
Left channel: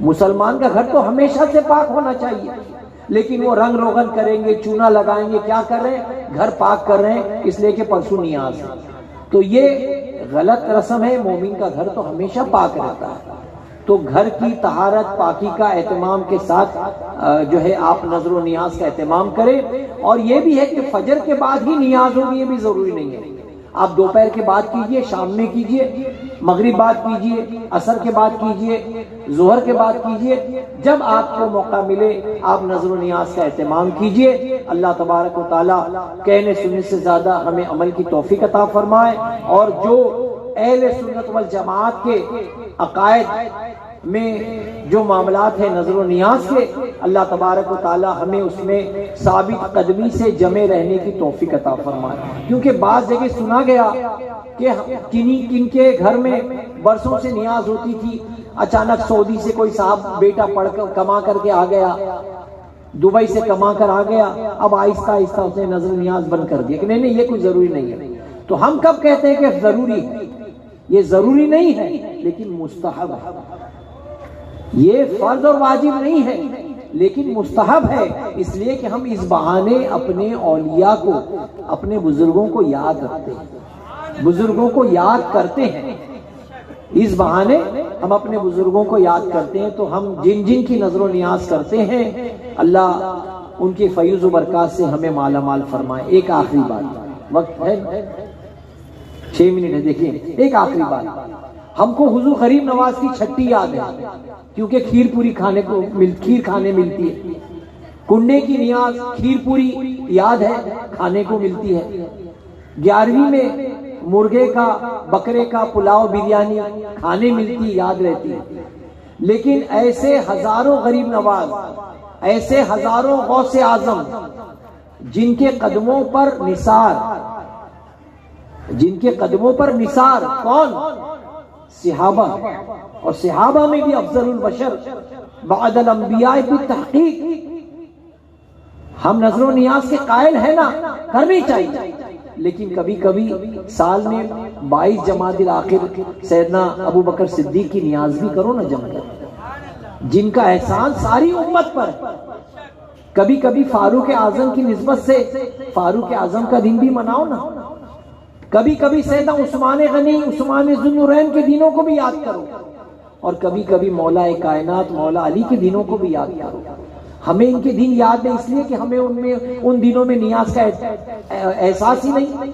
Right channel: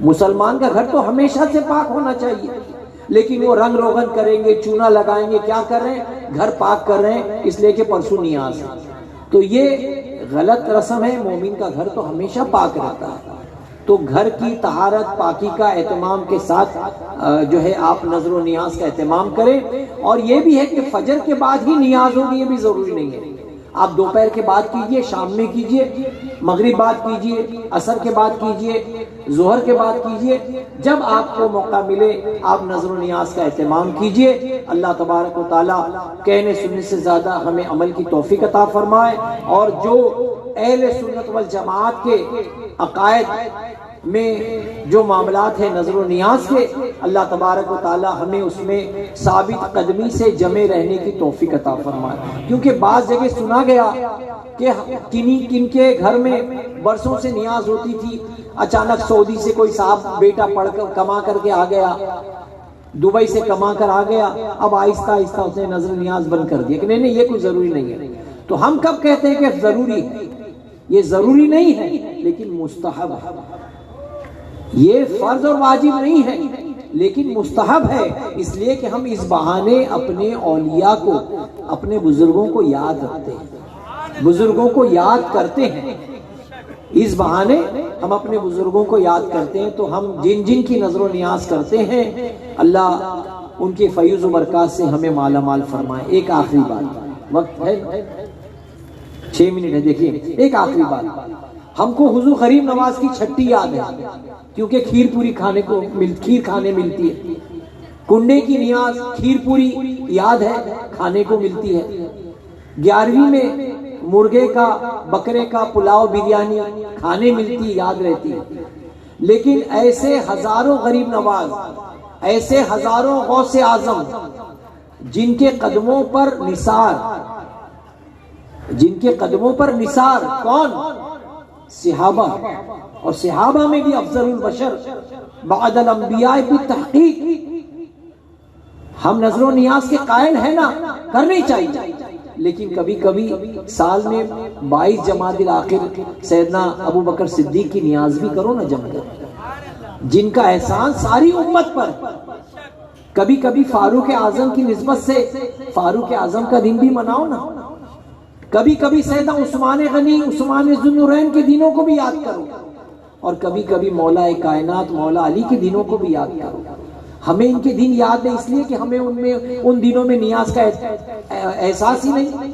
مسلمان کا گھر تو ہمیشہ سے پاک ہونا چاہیے, لیکن وہ رنگ روغن کریں گے, چونا لگائیں گے, کیا کر رہے ہیں؟ گھر پاک کر رہے ہیں اس لیے کہ پرسوں نیاز ہے. تو یہ غلط رسم ہے. مومن کا گھر تو ہمیشہ پاک رہتا ہے. تو گھر کی طہارت پاکی کا اہتمام کے ساتھ جو ہے آپ نظر و نیاز کا اہتمام کریں. اور یہ بھی ہے کہ فجر کے بعد ہی نیاز ہوگی, یہ بھی ضروری نہیں ہے. آپ دوپہر کے بعد کیجئے, شام میں کیجئے, مغرب بعد کیجئے, عصر کے بعد کیجئے, ظہر کے بعد کیجئے, جب آپ کو موقع ملے آپ نظر و نیاز کا اہتمام کیجئے. اللہ تبارک و تعالی کہنے سننے سے زیادہ ہمیں عمل کی توفیق عطا فرمائے, اور جو اہل سنت والجماعت کے عقائد میں جو معاملات ہیں نظر و نیاز کے، اللہ تبارک و تعالی ہمیں اس میں ثابت قدمی سے جمے رہنے کی توفیق عطا فرمائے۔ کیونکہ بعض جگہ سنا گیا کہ کن کے گھر میں برسوں سے نیاز ہوتی تھی، اچانک سعودی سے کوئی صاحب بیٹا پڑھ کر کما کر کے آ گیا، دبئی سے کما کر آ گیا، اب آہستہ آہستہ اس نے نظر نیاز بند کر دیا کہ نہیں یہ کوئی ضروری نہیں ہے۔ تو ہم کب کہتے ہیں کہ ضروری ہے؟ یہ ضروری نہیں ہے لیکن مستحب ہے، یہ فرض اور واجب نہیں ہے لیکن مستحب ہے، اس لیے کہ ہم اس بہانے اپنے اولیاء کو، اپنے بزرگوں کو یاد رکھتے ہیں، بزرگوں کو یاد کرتے ہیں، اس بہانے ہم اپنے بزرگوں کو یاد کرتے ہیں۔ تو ہم جن جن کی نظر و نیاز کرتے ہیں اللہ ان کے فیض و برکات سے ہمیں مالا مال فرمائے۔ ایک آخری بات، وقت ہے 6 منٹ ہے، دیکھیے ایک آخری بات، ہم کو حضور غریب نواز کی چھٹی یاد ہے کیونکہ کھیر پوری کھیر کھانے ملتی ہے، کنڈے کی نیاز کھیر پوری یاد ہے کھانے کو ملتی ہے، 11ویں میں مرغے کا بکرے کا پلاؤ بریانی کھانے ملتی یاد رہتی ہے۔ لیکن ایسے ہزاروں غریب نواز، ایسے ہزاروں غوث اعظم جن کے قدموں پر نثار کون؟ صحابہ، اور صحابہ میں بھی افضل البشر بعد الانبیاء بالتحقیق۔ ہم نظر و نیاز کے قائل ہیں نا، کرنی چاہیے، لیکن کبھی کبھی سال میں 22 جمادی الاخر سیدنا ابو بکر صدیق کی نیاز بھی کرو نا جم کر، جن کا احسان ساری امت پر۔ کبھی کبھی فاروق اعظم کی نسبت سے فاروق اعظم کا دن بھی مناؤ نا، کبھی کبھی سیدنا عثمان غنی، عثمان ذو النورین کے دنوں کو بھی یاد کرو، اور کبھی کبھی مولا کائنات مولا علی کے دنوں کو بھی یاد کرو۔ ہمیں ان کے دن یاد ہے اس لیے کہ ہمیں ان دنوں میں نیاز کا احساس ہی نہیں۔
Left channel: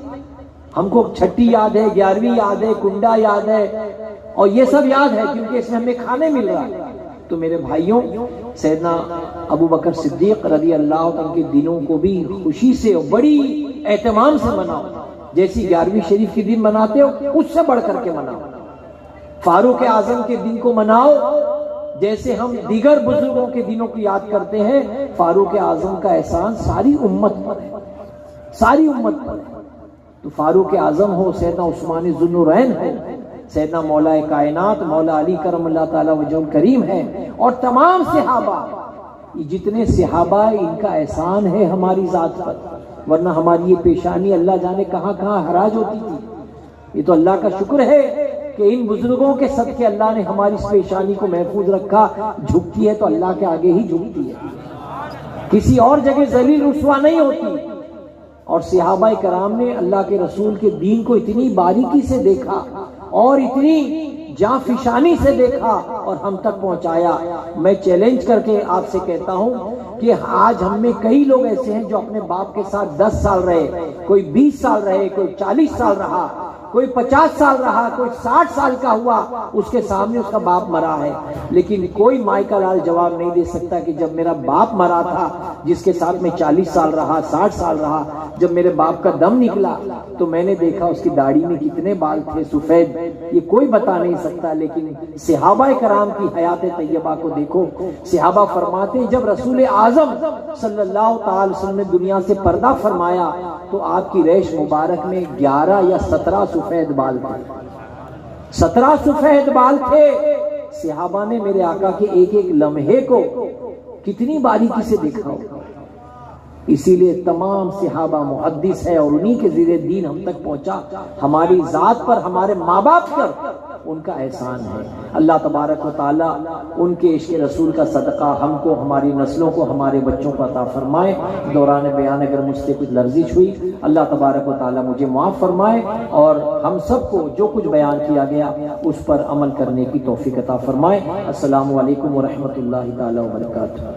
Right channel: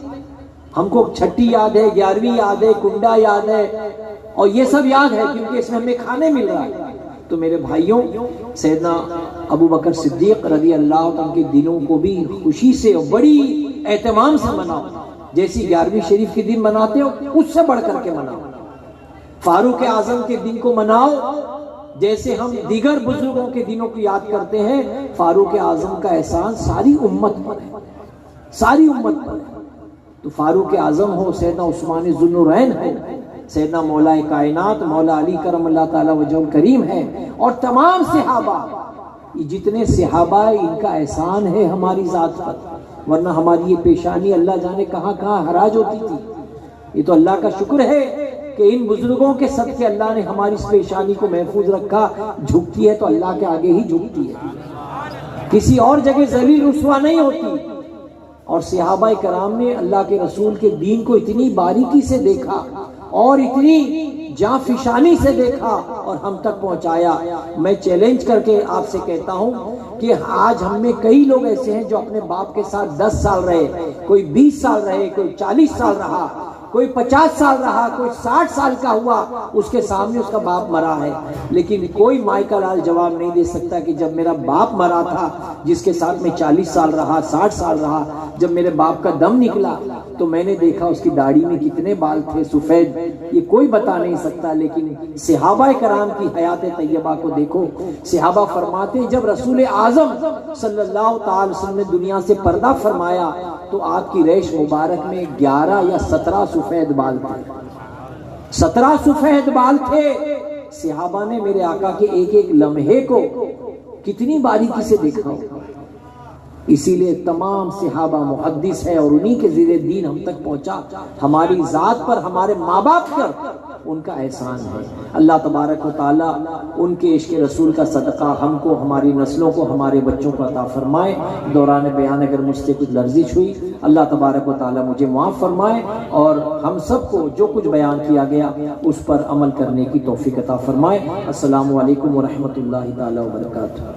ہم کو چھٹی یاد ہے، 11ویں یاد ہے، کنڈا یاد ہے، اور یہ سب یاد ہے کیونکہ اس میں ہمیں کھانے مل رہا ہے۔ تو میرے بھائیوں، سیدنا ابو بکر صدیق رضی اللہ عنہ کے دنوں کو بھی خوشی سے اور بڑی اہتمام سے مناؤ، جیسی 11ویں شریف کے دن مناتے ہو اس سے بڑھ کر کے مناؤ۔ فاروق اعظم کے دن کو مناؤ جیسے ہم دیگر بزرگوں کے دنوں کو یاد کرتے ہیں۔ فاروق اعظم کا احسان ساری امت پر ہے، ساری امت پر ہے۔ تو فاروق اعظم ہو، سیدنا عثمان ذو النورین ہے، سیدنا مولا کائنات مولا علی کرم اللہ تعالی وجہ الکریم ہے، اور تمام صحابہ، جتنے صحابہ ان کا احسان ہے ہماری ذات پر، ورنہ ہماری یہ پیشانی اللہ جانے کہاں کہاں حراج ہوتی تھی۔ یہ تو اللہ کا شکر ہے کہ ان بزرگوں کے صدقے اللہ نے ہماری اس پیشانی کو محفوظ رکھا۔ جھکتی ہے تو اللہ کے آگے ہی جھکتی ہے، کسی اور جگہ ذلیل رسوا نہیں ہوتی۔ اور صحابہ کرام نے اللہ کے رسول کے دین کو اتنی باریکی سے دیکھا اور اتنی جاں فشانی سے دیکھا اور ہم تک پہنچایا۔ میں چیلنج کر کے آپ سے کہتا ہوں کہ آج ہم میں کئی لوگ ایسے ہیں جو اپنے باپ کے ساتھ 10 سال رہے، کوئی 20 سال رہے، کوئی 40 سال رہا، کوئی 50 سال رہا، کوئی 60 سال کا ہوا، اس کے سامنے اس کا باپ مرا ہے، لیکن کوئی مائی کا لال جواب نہیں دے سکتا کہ جب میرا باپ مرا تھا جس کے ساتھ میں 40 سال رہا، 60 سال رہا، جب میرے باپ کا دم نکلا تو میں نے دیکھا اس کی داڑھی میں کتنے بال تھے سفید، یہ کوئی بتا نہیں سکتا۔ لیکن صحابہ کرام کی حیات طیبہ کو دیکھو، صحابہ فرماتے ہیں جب رسول اعظم صلی اللہ تعالی وسلم نے دنیا سے پردہ فرمایا تو آپ کی ریش مبارک میں 11 یا 17 سفید بال تھے، 17 سفید بال تھے۔ صحابہ نے میرے آقا کے ایک ایک لمحے کو کتنی باریکی سے دیکھا ہو۔ اسی لیے تمام صحابہ محدث ہے اور انہی کے زیر دین ہم تک پہنچا۔ ہماری ذات پر، ہمارے ماں باپ پر ان کا احسان ہے۔ اللہ تبارک و تعالی ان کے عشق رسول کا صدقہ ہم کو، ہماری نسلوں کو، ہمارے بچوں کو عطا فرمائے۔ دوران بیان اگر مجھ سے کچھ لرزش ہوئی اللہ تبارک و تعالی مجھے معاف فرمائے، اور ہم سب کو جو کچھ بیان کیا گیا اس پر عمل کرنے کی توفیق عطا فرمائے۔ السلام علیکم ورحمۃ اللہ تعالی وبرکاتہ۔